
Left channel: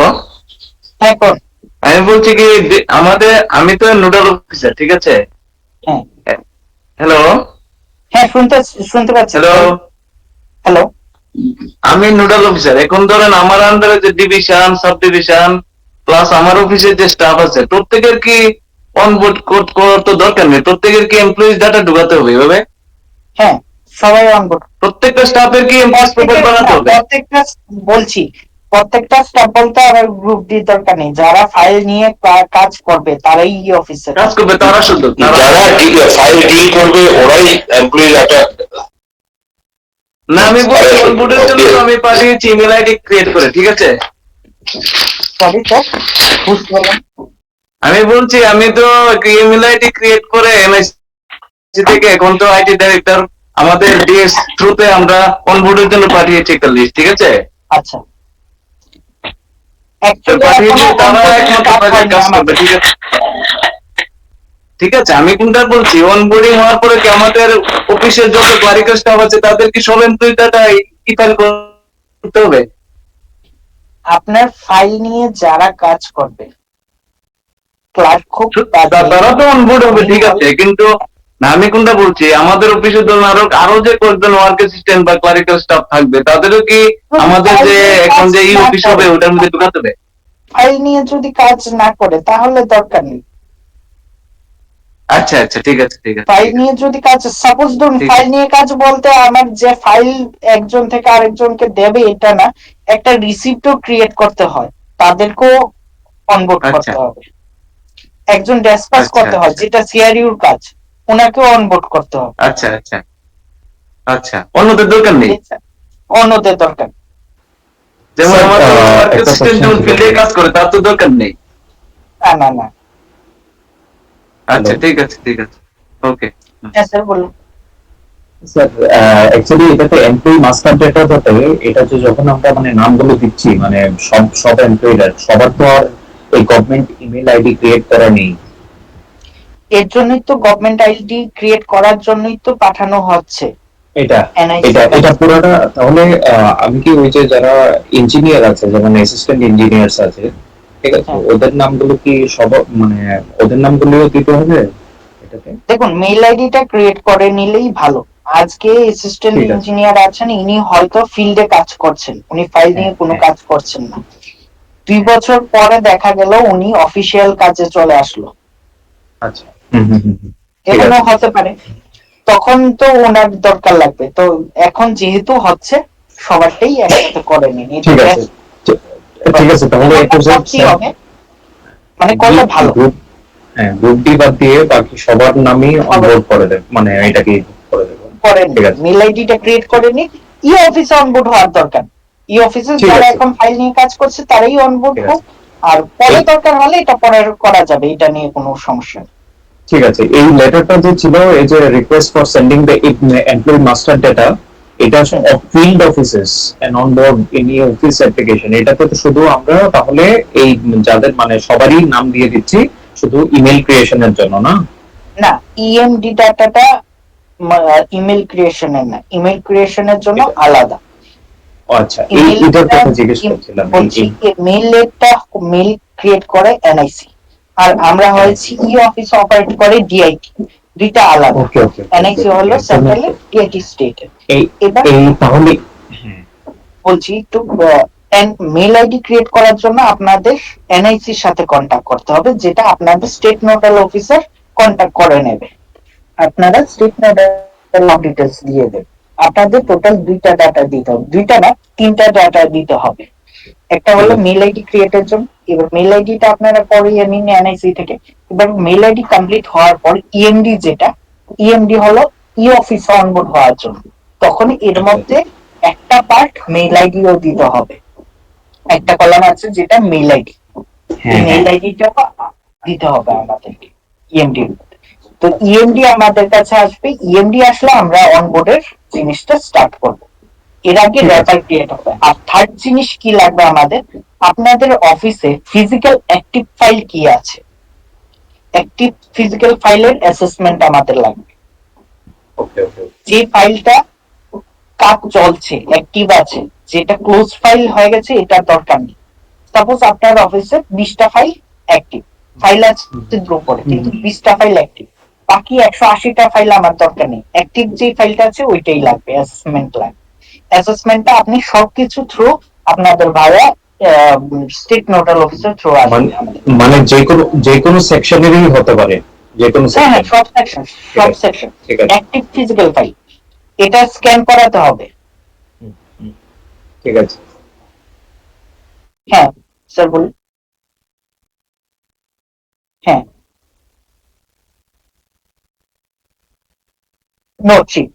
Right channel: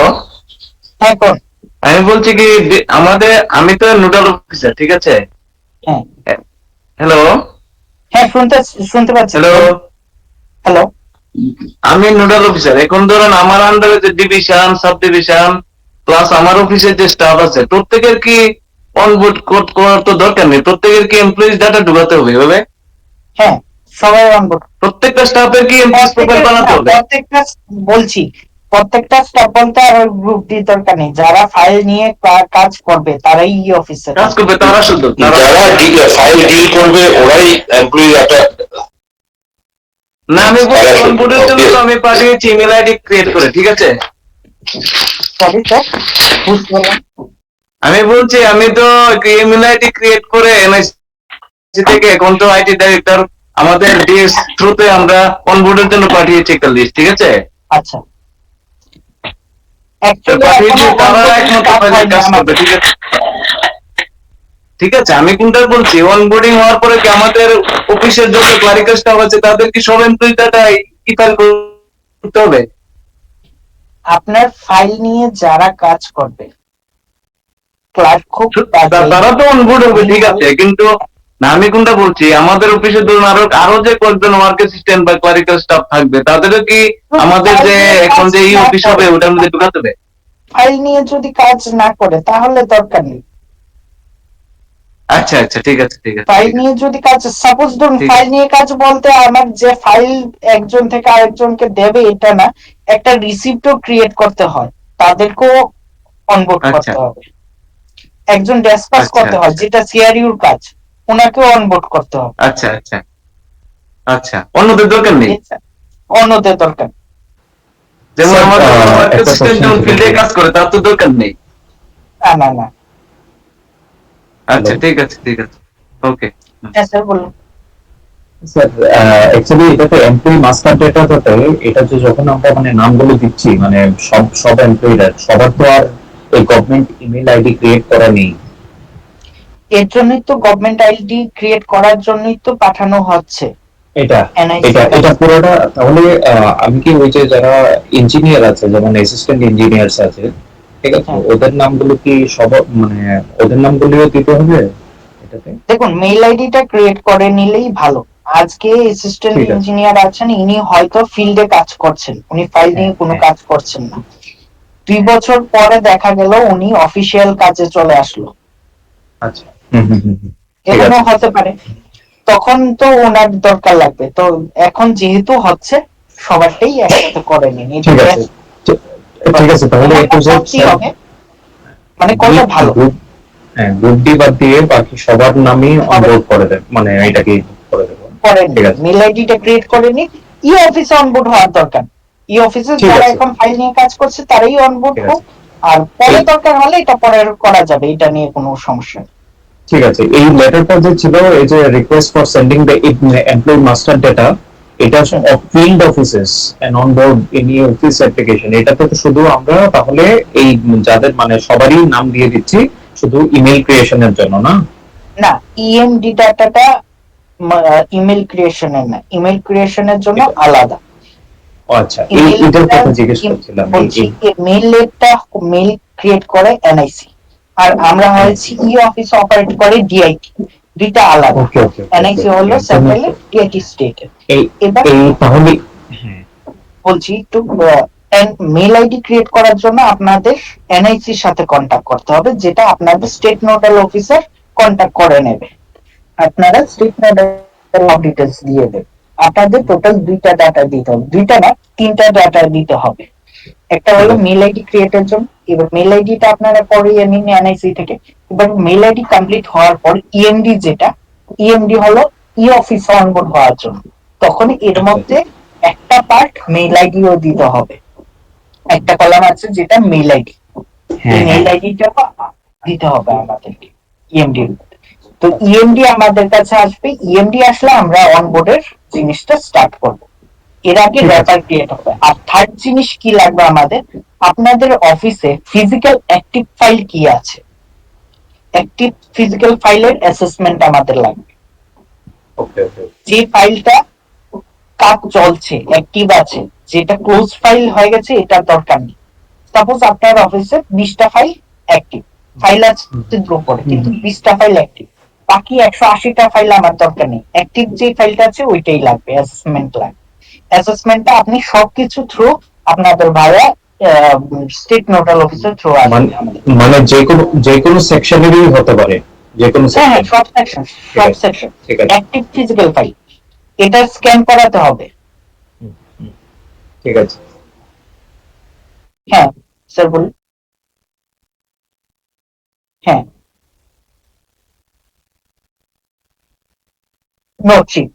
হ্যাঁ কোন আমি বলছি কি আমি তো নোডাল অফিসার, ঠিক আছে? হ্যাঁ হ্যালো হ্যাঁ শুনতে পাচ্ছি। হ্যালো, হ্যালো, আমি নোডাল অফিসার। এখন ধরেন আমার আন্ডারে যে ডিভিশন, সাব ডিভিশন প্লাস আমার অফিসের যে স্টাফ আছে প্রত্যেকের কি অনবোর্ড কোড করার তো দরকার নেই? প্রত্যেকের কি এমপ্লয়িজ ডাটা ঢুকাতে হবে এভাবে? হ্যাঁ সবাই অনবোর্ড। প্রত্যেকটা স্টাফের কি এমপ্লয়িজ প্রোফাইল বানাতে হবে? প্রত্যেকটা স্টাফ বলতে আর গ্রুপ ডি দরকার নেই। যারা ফাইল নিয়ে কাজ করবে তারাই অফিসার কাজ করবে তারা, শুধু যারা ফাইল ডিল করবে ওরাই এমপ্লয়ি ডাটা। না, আমি বলছি অনবোর্ডের জন্য তো আমি পাঠিয়েছি ইমেল আইডি ক্রিয়েট করে, ঠিক আছে? সরি স্যার, বুঝতে পারলাম। আমি বলছি আমি তো ইমেল আইডি ক্রিয়েট করে এনআইসি থেকে এখন তো আইটি ডাইরেক্টর আমাদের ডিএস থ্রুতে আমরা অনবোর্ডের জন্য পাঠিয়েছি একটা লিস্ট, ঠিক আছে? আচ্ছা, পাঠিয়েছি, তারা একমাত্র কাজ করবে, ঠিক আছে? ঠিক আছে, আমি কোনটা বলছি, অনবোর্ডিং হওয়ার পরে কি আমাদের অফিসের যত ক্লারিক্যাল স্টাফ আছে তাদের কি সব এমপ্লয়ি ডাটা ই ফাইল করতে হবে? আপনার ফাইল নিয়ে যারা কাজ করবে ক্লার্ক হোক তারা তো অনবোর্ড হবে, ঠিক আছে, কিন্তু না, আমি কোনটা বলছি, আমাদের অফিসে ধরুন আরো যে কয়েকজন ওয়ার্ক অ্যাসিস্ট্যান্ট বা ক্লারিক্যাল স্টাফ থাকবে তাদেরও কি আমাদের যে এখন যে এই অফিস হবে ওটার মধ্যে ঢুকাতে হবে? ফাইল নিয়ে যদি কাজ না করে তাহলে দরকার নেই। আচ্ছা আচ্ছা, ঠিক আছে ঠিক আছে। ফাইল নিয়ে যদি কাজ, সাপোজ ধরুন ফাইল নিয়ে কাজ বলতে আমার যে ফাইল একজন থেকে আরেকজনকে দেবে এটা না, একটা রিসিপ্টও ক্রিয়েট করতে হয়, তাদেরকেও অনবোর্ড করতে হবে। একজন ডেসপাস করতে হয় যেটা সিআরইউর কাজ, ওনাকেও অনবোর্ড করতে হবে। আচ্ছা আচ্ছা আচ্ছা, অন্যদের দরকার নেই? অন্যদের দরকার, যেমন আমাদের ওয়ার্ক অ্যাসিস্ট্যান্ট যখন ফিল্ডে কাজ করে তার তো দরকার নেই? না না। আচ্ছা ঠিক আছে ঠিক আছে, ওকে। হ্যাঁ স্যার বলুন। স্যার অ্যাকচুয়ালি এটাতে এমপ্লয়ি মাস্টার ডেটাটাতে এটা যে যখন আমরা মানে নামগুলো দিচ্ছি মানে সব এমপ্লয়িরা সবার তো আর এই গভর্নমেন্ট ইমেল আইডি ক্রিয়েট করা নেই। এর জন্যই তো গভর্নমেন্ট আইডি ক্রিয়েট করার জন্যই তো পাঠানো হচ্ছে এটা এটা পুরোটা। তাহলে আমি কি ওই যে যারা ইঞ্জিনিয়ার আছে যেমন অ্যাসিস্ট্যান্ট ইঞ্জিনিয়ার্স আছে, ঠিক আছে, ওদের নামগুলো কি সব মানে ওদের নামগুলোও দিতে হবে এটাতে? দেখুন মেইল আইডিটা ক্রিয়েট করে নিলেই ভালো। আজকে অ্যাসিস্ট্যান্ট ইঞ্জিনিয়ার আছেন, ইনি হয়তো ফিল্ডে কাজ করছেন, উনি ফাইল নিয়ে কোনো কাজ করছেন না। 2 বছর পরে দেখা গেল উনি অফিসিয়াল কাজে চলে আসলো, আচ্ছা এরকম হতে পারে, তখন তো ওনার দরকার লাগবে। তো এখন যেহেতু হচ্ছে সবারটাই একসাথে করে নিন, ঠিক আছে ঠিক আছে। তাহলে একটু হবে মানে করলে ভালো। হ্যাঁ, গ্রুপ ডি বাদ দিয়ে বাকি সবার নামই অনবোর্ড করে দেব, মানে এটাকে করে দেব। ঠিক আছে, মেল আইডিটা ক্রিয়েট করে নিন। ই অফিসে অনবোর্ড হওয়ার দরকার, ই অফিসে যারা এখন ফাইল নিয়ে কাজ করছে তারাই অনবোর্ড হোক, আর পরে দরকার হলে এটা পরে করা যাবে, এটা নিয়ে কোনো সমস্যা নেই। ঠিক আছে। এই লেটারটা যে ছিল এই যে request for sending the employee master data, এটা field offices and onboard any office application, এটাতে তো শুধু আমরা তাহলে এই যাদের মানে সবারই নাম দিয়ে দিচ্ছি শুধু ইমেল ক্রিয়েশনের জন্য, না? না, ইএমডি ডাটাটা ইমেল ক্রিয়েশনের না, ইমেল ক্রিয়েশনের জন্য আলাদা। আচ্ছা, এটার কথা জিজ্ঞেস করছিলাম। মেইলটা মেইল ক্রিয়েট করে এনআইসি, আর আমরা হয়েছি ই অফিস অপারেট করে ডিআইটি, দুইটা আলাদা। এনআইসি হলো সেন্ট্রাল, ডিআইটি স্টেট। এই তাহলে বলছি একটু মেল আইডি ক্রিয়েট করার জন্য আপনাদের এনআইসির সাথে কন্ট্যাক্ট করতে হবে, যেটা আপনাদের স্টেট নোডাল অফিসার কন্ট্যাক্ট করে নেবে। আপনারা স্টেট নোডাল ডিটেলস দিয়ে দেবেন। আপনাদের টোটাল 2টা ডাটা দিতে হবে, 2টা না 3টা ডাটা দিতে হবে। একটা হলো মেল আইডি ক্রিয়েটের জন্য, এবার মেল আইডিটা আপনারা করিয়ে নিন এনআইসি থেকে। এবার মেল আইডি কমপ্লিট হওয়ার পর ইএমডি যেটা, ইএমডি হলো ই অফিস অনবোর্ড হওয়ার জন্য, তখন এর মধ্যে একটা পার্ট মেল আইডিও দিতে হবে। একটা কলাম আছে যেটা মেল আইডি, মেল আইডিটা দিতে হবে আমাদেরকে ইএমডি। তো ইএমডি আমাদের কাছে আসবে, ইএমডি আসলে আমরা অনবোর্ডের জিনিসটা স্টার্ট করব। এর আগে র্যাপার ক্রিয়েট হবে। আর থার্ড জিনিস কি লাগবে আমাদের, আপনাদের অফিসে ফিজিক্যাল অ্যাক্টিভ ফাইল কি আছে, অ্যাক্টিভ ফিজিক্যাল ফাইলের অ্যাসেসমেন্ট আমাদের লাগবে। যে ফাইলটা কাজ চলছে, অ্যাক্টিভ আছে, যেটা ক্লোজ ফাইল হয়ে গেছে এটার দরকার নেই। সাপোজ আপনার অফিসে 20টা ফাইল অ্যাক্টিভ ফাইল আছে উপরে, কিন্তু 20টা ফাইল অ্যাক্টিভ, বাকি 180টা ফাইল আমার দরকার নেই। অ্যাক্টিভ যে ফাইলটা আছে ওইটাই লাগবে, অ্যাসেসমেন্ট লাগবে। অ্যাসেসমেন্টটা আপনি সবকিছু থ্রু আপনাদের ভাইয়া স্টেট নোডাল অফিসার থ্রু আসবে। মানে যে কোনো সেকশনেরই হতে পারে, যে কোনো হ্যাঁ, সেকশন। সব সেকশন ঠিক আছে, অ্যাক্টিভ ফিজিক্যাল ফাইল, এটা স্ক্যান করাতে হবে। ঠিক আছে। হ্যাঁ স্যার বলুন। হ্যাঁ, নোটশিট।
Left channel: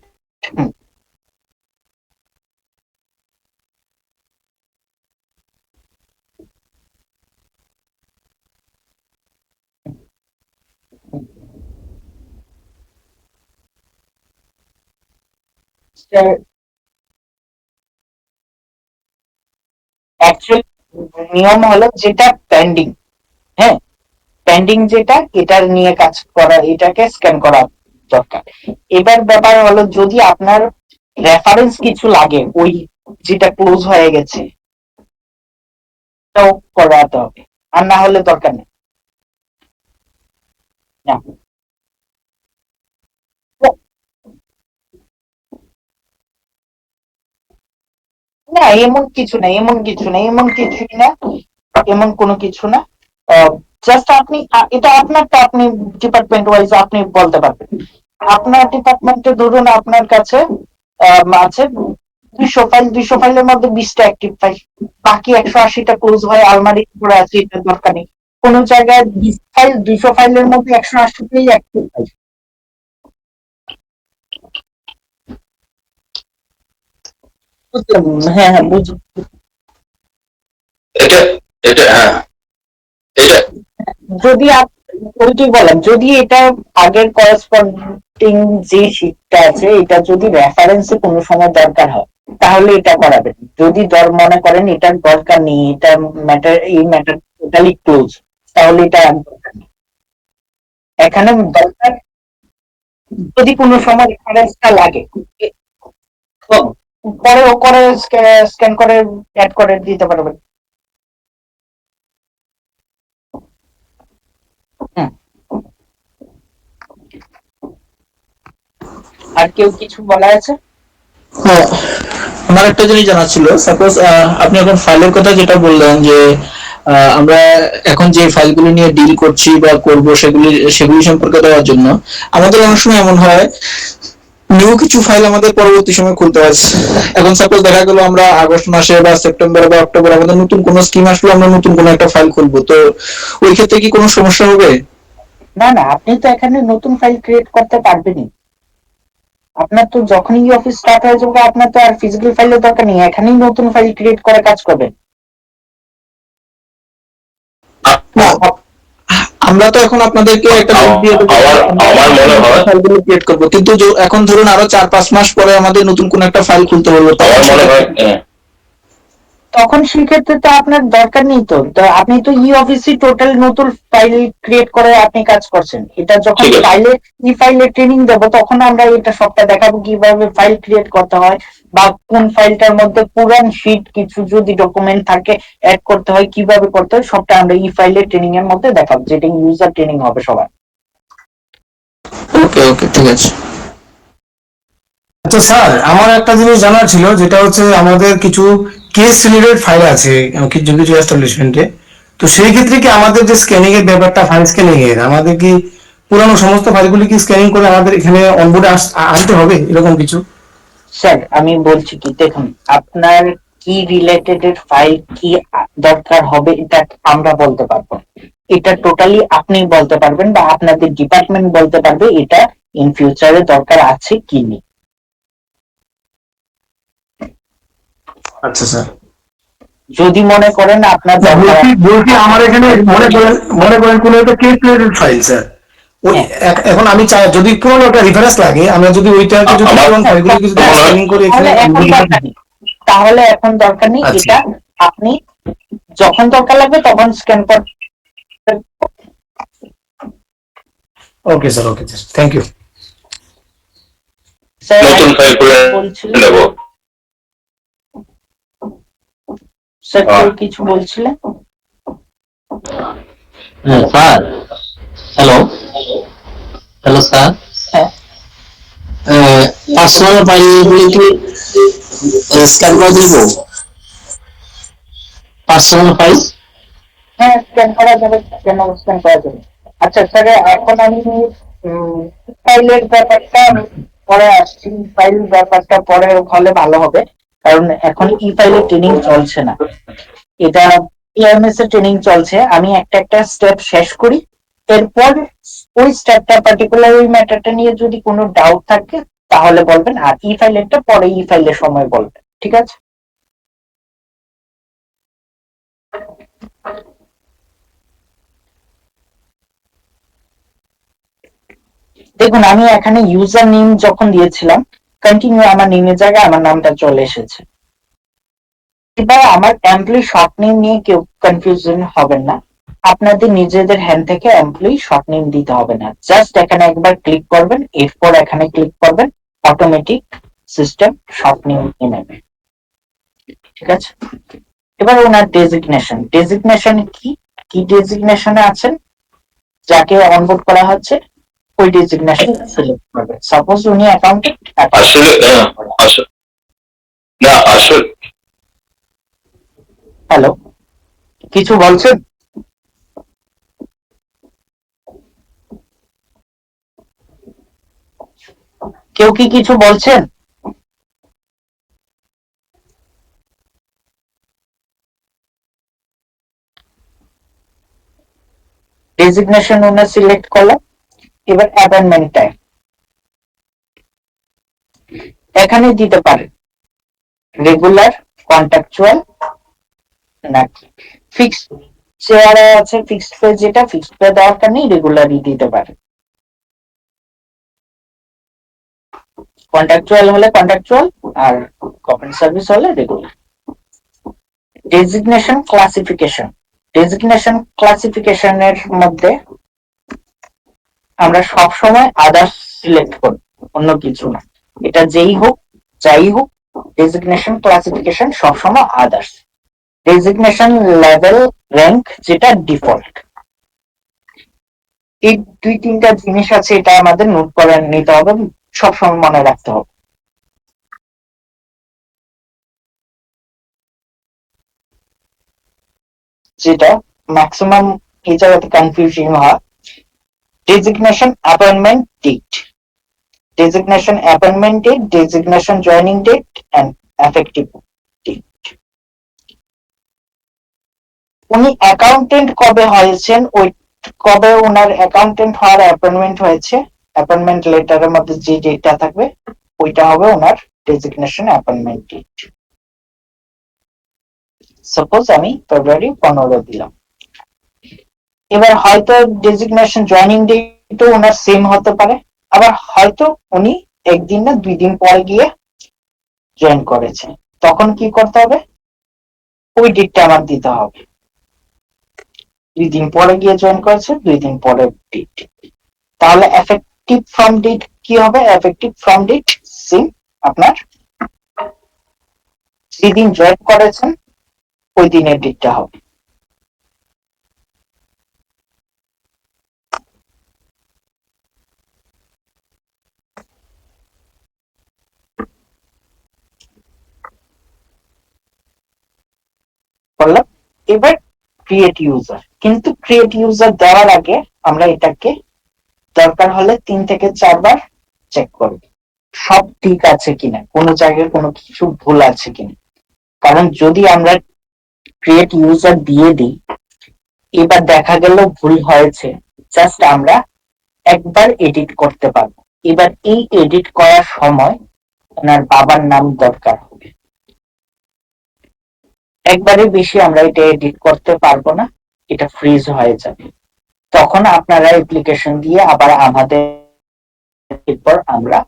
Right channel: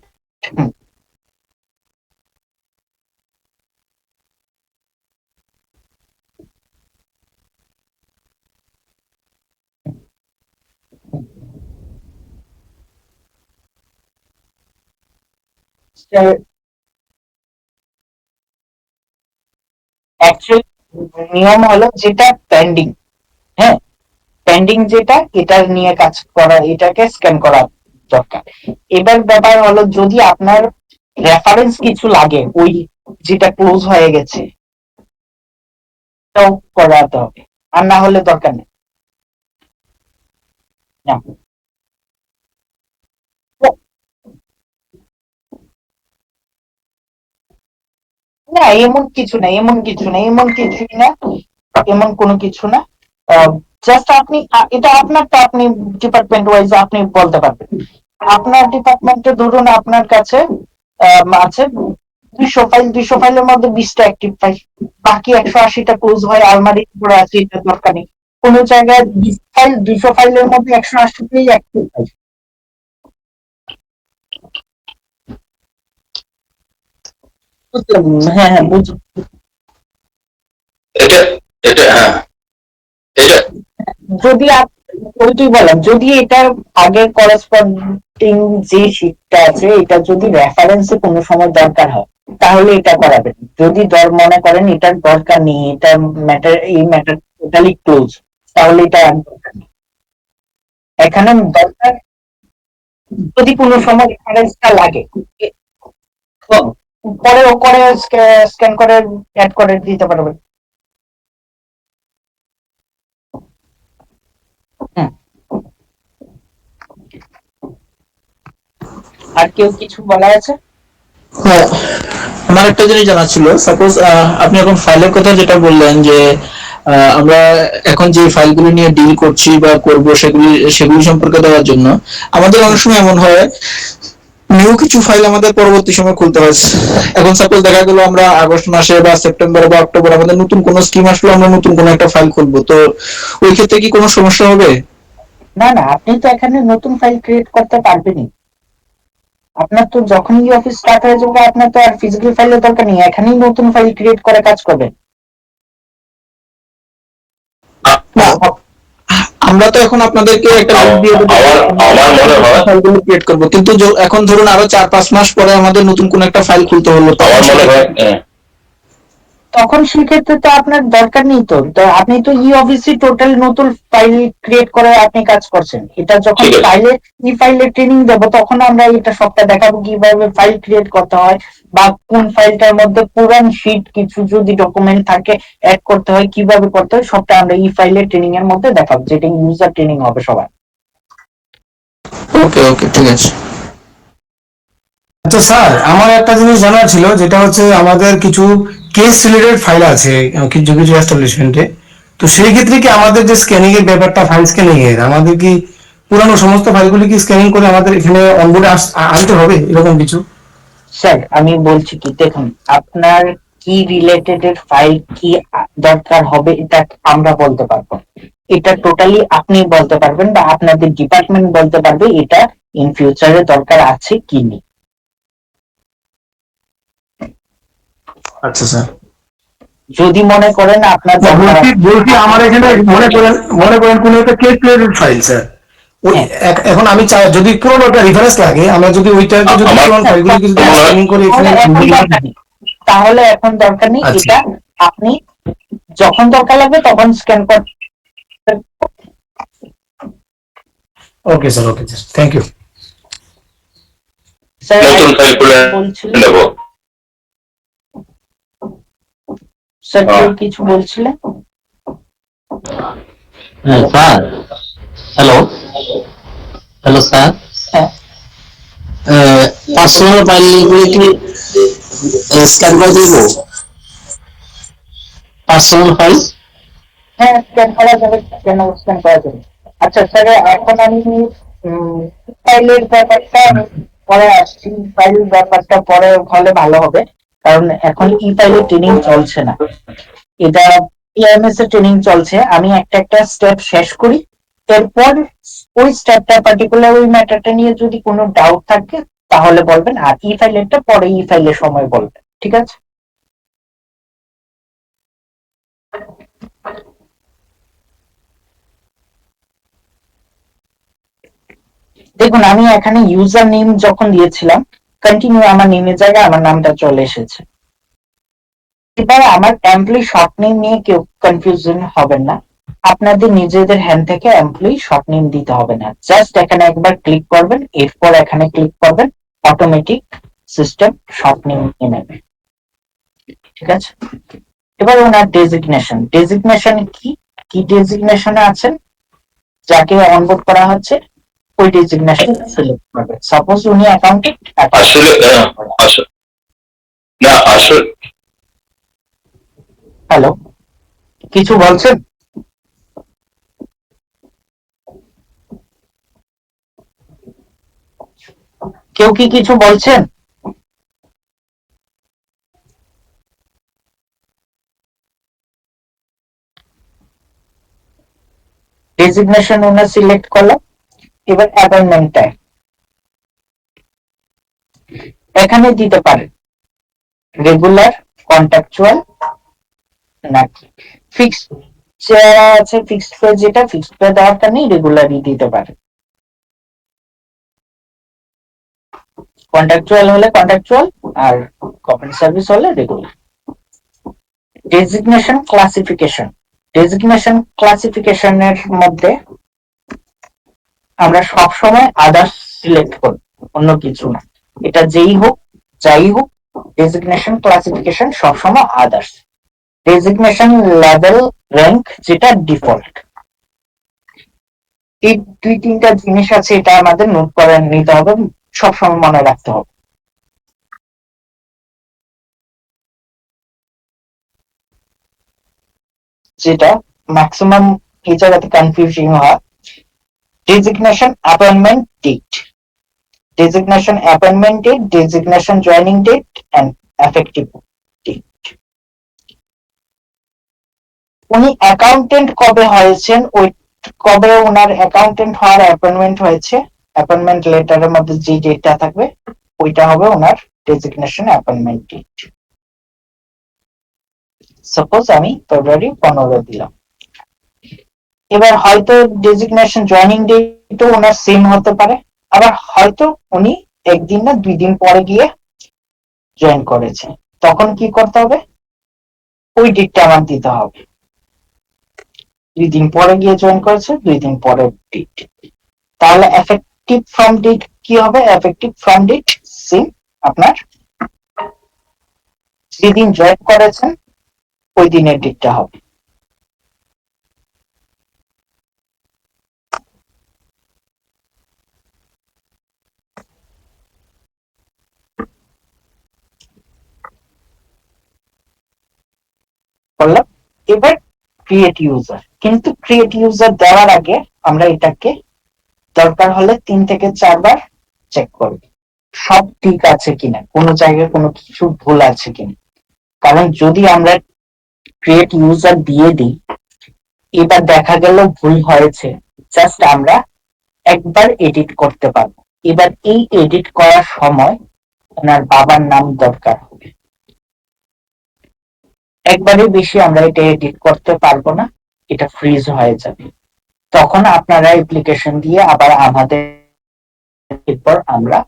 অ্যাকচুয়ালি নিয়ম হলো যেটা পেন্ডিং, হ্যাঁ পেন্ডিং যেটা, এটা নিয়ে কাজ করা, এটাকে স্ক্যান করা দরকার। এবার ব্যাপার হলো যদি আপনার রেফারেন্স কিছু লাগে, ওই যেটা ক্লোজ হয়ে গেছে এটাও করাতে হবে, আর না হলে দরকার নেই। না, না এমন কিছু না, এমন কিছু না, এমন কিছুই না, এমন কোনো কিছু না। জাস্ট আপনি এটা আপনারটা আপনি ডিপার্টমেন্ট ওয়াইজ আপনি বলতে পারবেন। আপনার ডিপার্টমেন্টে ধরুন আপনার কাছে আছে 200 ফাইল, 200 ফাইলের মধ্যে 20টা অ্যাক্টিভ ফাইল, বাকি 180টা ক্লোজ হয়ে আলমারি করে আছে, এটা দরকার নেই। কোন জায়গায় 20 ফাইল, 200 ফাইলের মধ্যে 180টাই অ্যাক্টিভ ফাইল। হ্যাঁ হ্যাঁ বুঝুন। এটা এটা হ্যাঁ এটা যদি ওইটাই বললাম, যদি এটা আগের করেসপন্ডিং যে শিটটা আছে এটা যদি রেফারেন্সে কোনো সময় দরকার হয় তাহলে এটা করাবেন। যদি মনে করেন এটার দরকার নেই, এটা ম্যাটার, এই ম্যাটার টোটালি ক্লোজ, তাহলে এটা আর দরকার নেই। এখানে দরকার যদি কোনো সময় রেফারেন্সটা লাগে, পরে ও করে স্ক্যান করে অ্যাড করে দিতে পারবেন। আর কেউ কিছু বলা আছে? হ্যাঁ, আমার একটা জিনিস জানা ছিল। সাপোজ আপনি এখন ফাইলের কথা যেটা বললেন যে আমরা এখন যে ফাইলগুলি নিয়ে ডিল করছি বা করব সেগুলি সম্পর্কে দেওয়ার জন্য আমাদের অনেক সময় এমন হয় নিউ কিছু ফাইল আমাদের পরবর্তী সময় খুলতে হয়। এখন সাপোজ দেখা গেল আমরা আগস্ট মাসে বা সেপ্টেম্বর বা অক্টোবর আমাদের নতুন কোনো স্কিম আসলো, আমরা নতুন কোনো একটা ফাইল খুলবো, তো ওই ক্ষেত্রে কি কোনো সমস্যা হবে? না না, আপনি তো এখানে নতুন ফাইল ক্রিয়েট করতে পারবেনই। আপনার তো যখনই অফিস স্টার্ট হয়ে যাবে আপনার তো আর ফিজিক্যাল ফাইলের দরকার নেই, এখানেই নতুন ফাইল ক্রিয়েট করে কাজ করবেন। আমরা তো এখন আপনাদেরকে একটা লিস্ট দিয়ে দেবো, আমার মনে হয় ফাইলগুলো ক্রিয়েট করব, কিন্তু এখন ধরুন আরো 4-5 মাস পরে আমাদের নতুন কোন একটা ফাইল খুলতে হলো, আমার মনে হয় তখন সেক্ষেত্রে তো আপনার দরকার নেই। তো আপনি তো ই অফিসে টোটাল নতুন ফাইল ক্রিয়েট করে আপনি কাজ করছেন। এটা যখন ঠিক আছে। ফাইলে ট্রেনিং দেবো তখন আমরা এটা সবটা দেখাবো কিভাবে ফাইল ক্রিয়েট করতে হয়, বা কোন ফাইলটার মধ্যে পুরান শিট কিছু যদি ডকুমেন্ট থাকে অ্যাড করতে হয় কিভাবে করতে হয়, সবটা আমরা ই ফাইলের ট্রেনিং এর মধ্যে দেখাবো, যেটা ইউজার ট্রেনিং হবে সবার। ওকে ওকে, ঠিক আছে। আচ্ছা স্যার, আমার একটা জিনিস জানার ছিল, যেটা হচ্ছে আমাদের কিছু কেস রিলেটেড ফাইল আছে কিছু কিছু এস্টাবলিশমেন্টে। তো সেই ক্ষেত্রে কি আমাদের যে স্ক্যানিং এর ব্যাপারটা, ফাইল স্ক্যানিং এর, আমাদের কি পুরানো সমস্ত ফাইলগুলি কি স্ক্যানিং করে আমাদের এখানে অনবোর্ডে আনতে হবে এরকম কিছু? স্যার আমি বলছি কি, দেখুন আপনার কি রিলেটেড এর ফাইল কি দরকার হবে এটা আমরা বলতে পারবো না। এটা টোটালি আপনি বলতে পারবেন বা আপনাদের ডিপার্টমেন্ট বলতে পারবে এটা ইন ফিউচারে দরকার আছে কি নেই। আচ্ছা স্যার। যদি মনে করেন আপনার দরকার বলছি বলছি আমার এখানে মনে করেন কোন একটা কেস রিলেটেড ফাইল স্যার, ওই হ্যাঁ। এখন আমি চাই যদি পুরোনো একটা রেফারেন্স লাগে, আমরা যদি ওইটাকে যদি আমার পুরোনো ফাইলগুলো যদি স্ক্যানিং করে তাহলে এখানে এখন দরকার নেই, তাহলে এখন দরকার নেই। আচ্ছা। এটা আপনি যখন দরকার লাগবে তখন স্ক্যান করতে। Okay sir, okay sir, thank you. Sir নতুন ফাইল করে বলছিলেন, নেব। স্যার কেউ কিছু বলছিলেন? স্যার, হ্যালো হ্যালো স্যার, হ্যাঁ পার্সোনাল ফাইলগুলো কি স্ক্যান করে দিব? পার্সোনাল ফাইল হ্যাঁ স্ক্যান করা যাবে, কেন স্ক্যান করা যাবে। আচ্ছা স্যার, এখন আমি ফাইলের ব্যাপারটা পরে আসছি, ফাইল ব্যাপারটা পরে হলে ভালো হবে, কারণ এখন ই ফাইলের ট্রেনিং চলছে না, এটা ইএমএস এর ট্রেনিং চলছে। আমি একটা একটা স্টেপ শেষ করি, এরপর ওই স্টেপটা পার্টিকুলার ওই ম্যাটারটা নিয়ে যদি কোনো ডাউট থাকে তাহলে বলবেন, আর ই ফাইলেরটা পরে ই ফাইলের সময় বলবেন, ঠিক আছে? দেখুন আমি এখানে ইউজার নেম যখন দিয়েছিলাম, কন্টিনিউ আমার নেমের জায়গায় আমার নামটা চলে এসেছে। এবার আমার এমপ্লয়ি শর্ট নেম নিয়ে কেউ কনফিউশন হবেন না, আপনাদের নিজেদের হ্যান্ড থেকে এমপ্লয়ি শর্ট নেম দিতে হবে না, জাস্ট এখানে একবার ক্লিক করবেন, এরপর এখানে ক্লিক করবেন, অটোমেটিক সিস্টেম শর্ট নেম নিয়ে নেবে, ঠিক আছে? এবার ওনার ডেজিগনেশন, ডেজিগনেশন কি কি ডেজিগনেশনে আছেন, যাকে অনবোর্ড করা হচ্ছে ওই ডেজিগনেশন সিলেক্ট করবে। সাপোজ উনি অ্যাকাউন্টেন্ট, আসলে আসলে না আসলে হ্যালো কিছু বলছেন? কেউ কি কিছু বলছেন? ডেজিগনেশন ওনার সিলেক্ট করলাম, এবার অ্যাপয়েন্টমেন্ট টাইম এখানে দিতে পারেন রেগুলার, কন্ট্রাকচুয়াল নাকি ফিক্সড। চেয়ারে আছে ফিক্সড পে, যেটা ফিক্সড পে দরকার নেই, রেগুলারই দিতে পারেন। কন্ট্রাকচুয়াল হলে কন্ট্রাকচুয়াল, আর গভর্নমেন্ট সার্ভিস হলে রেগুলার। ডেজিগনেশন ক্লাসিফিকেশন, ডেজিগনেশন ক্লাসিফিকেশনের মধ্যে আমরা সব সময় আদার্স সিলেক্ট করব, অন্য কিছু না। এটা যেই হোক যাই হোক, ডেজিগনেশন ক্লাসিফিকেশন সবসময় আদার্স। ডেজিগনেশন লেভেল, র্যাঙ্ক যেটা ডিফল্ট। এই দুই তিনটা জিনিস আছে, এটা আমাদের নোট করে নিতে হবে, সবসময় মনে রাখতে হবে। যেটা ম্যাক্সিমাম এই জায়গাতে কনফিউজিং হয়, designation appointment date, designation appointment date, designation joining date and effective date. উনি অ্যাকাউন্টেন্ট কবে হয়েছেন, ওই কবে ওনার অ্যাকাউন্টেন্ট হওয়ার অ্যাপয়েন্টমেন্ট হয়েছে, অ্যাপয়েন্টমেন্ট লেটারের মধ্যে যে ডেটটা থাকবে ওইটা হবে ওনার ডেজিগনেশন অ্যাপয়েন্টমেন্ট ডেট। সাপোজ আমি ফেব্রুয়ারি 15 দিলাম, এবার হয়তো ডেজিগনেশন জয়নিং ডেটও ওনার সেম হতে পারে, আবার হয়তো উনি একদিন না 2 দিন পরে গিয়ে জয়েন করেছে, তখন কি করতে হবে, ওই ডেটটা আমার দিতে হবে। 2 দিন পরে গিয়ে জয়েন করেছে, 2 দিন পরে ডেট, তাহলে এফেক্টিভ ফ্রম ডেট কি হবে, এফেক্টিভ ফ্রম ডেট সেম, আপনার যেদিন জয়েন করেছেন ওই দিনের ডেটটা হবে। করলাম। এবার ক্রিয়েট ইউজার, কিন্তু ক্রিয়েট ইউজার দেওয়ার আগে আমরা এটাকে দরকার হলে 3 থেকে 4 বার চেক করব সব ঠিক আছে কিনা, কোনো জায়গায় কোনো কিছু ভুল আছে কিনা। কারণ যদি আমরা ক্রিয়েট ইউজার দিয়ে দিই, এবার দেখা গেল ভুল হয়েছে, জাস্ট আমরা একবার এডিট করতে পারবো। এবার এই এডিট করার সময় ওনার বাবার নাম দরকার হবে। একবারে বেশি আমরা এটা এডিট করতে পারবো না, এটা ফ্রিজ হয়ে যাবে। তখন আপনারা অ্যাপ্লিকেশন দিয়ে আবার আমাদের, এরপর আমরা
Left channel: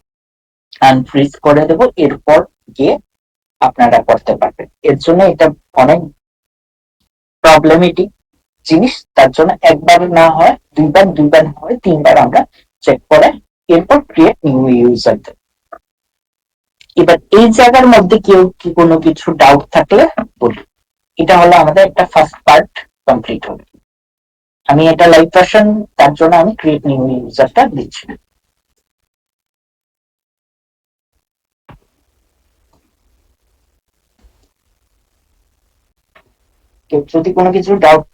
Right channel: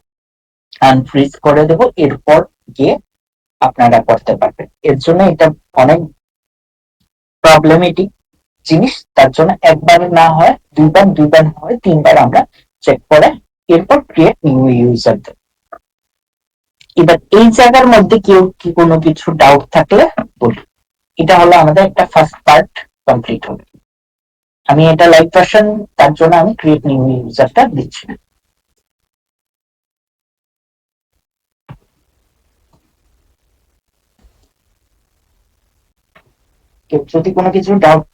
আনফ্রিজ করে দেব, এরপর গিয়ে আপনারা করতে পারবেন। এর জন্য এটা অনেক প্রবলেমেটিক জিনিস, তার জন্য একবার না হয় দুইবার, দুইবার হয় তিনবার আমরা চেক করে এরপর ক্রিয়েট নিউ ইউজার দেব। এবার এই জায়গার মধ্যে কেউ কি কোনো কিছু ডাউট থাকলে বলুন। এটা হলো আমাদের একটা ফার্স্ট পার্ট কমপ্লিট হলো। আমি এটা লাইভ ভার্সন, তার জন্য আমি ক্রিয়েট নিউ ইউজারটা দিচ্ছি না। যদি কোনো কিছু ডাউট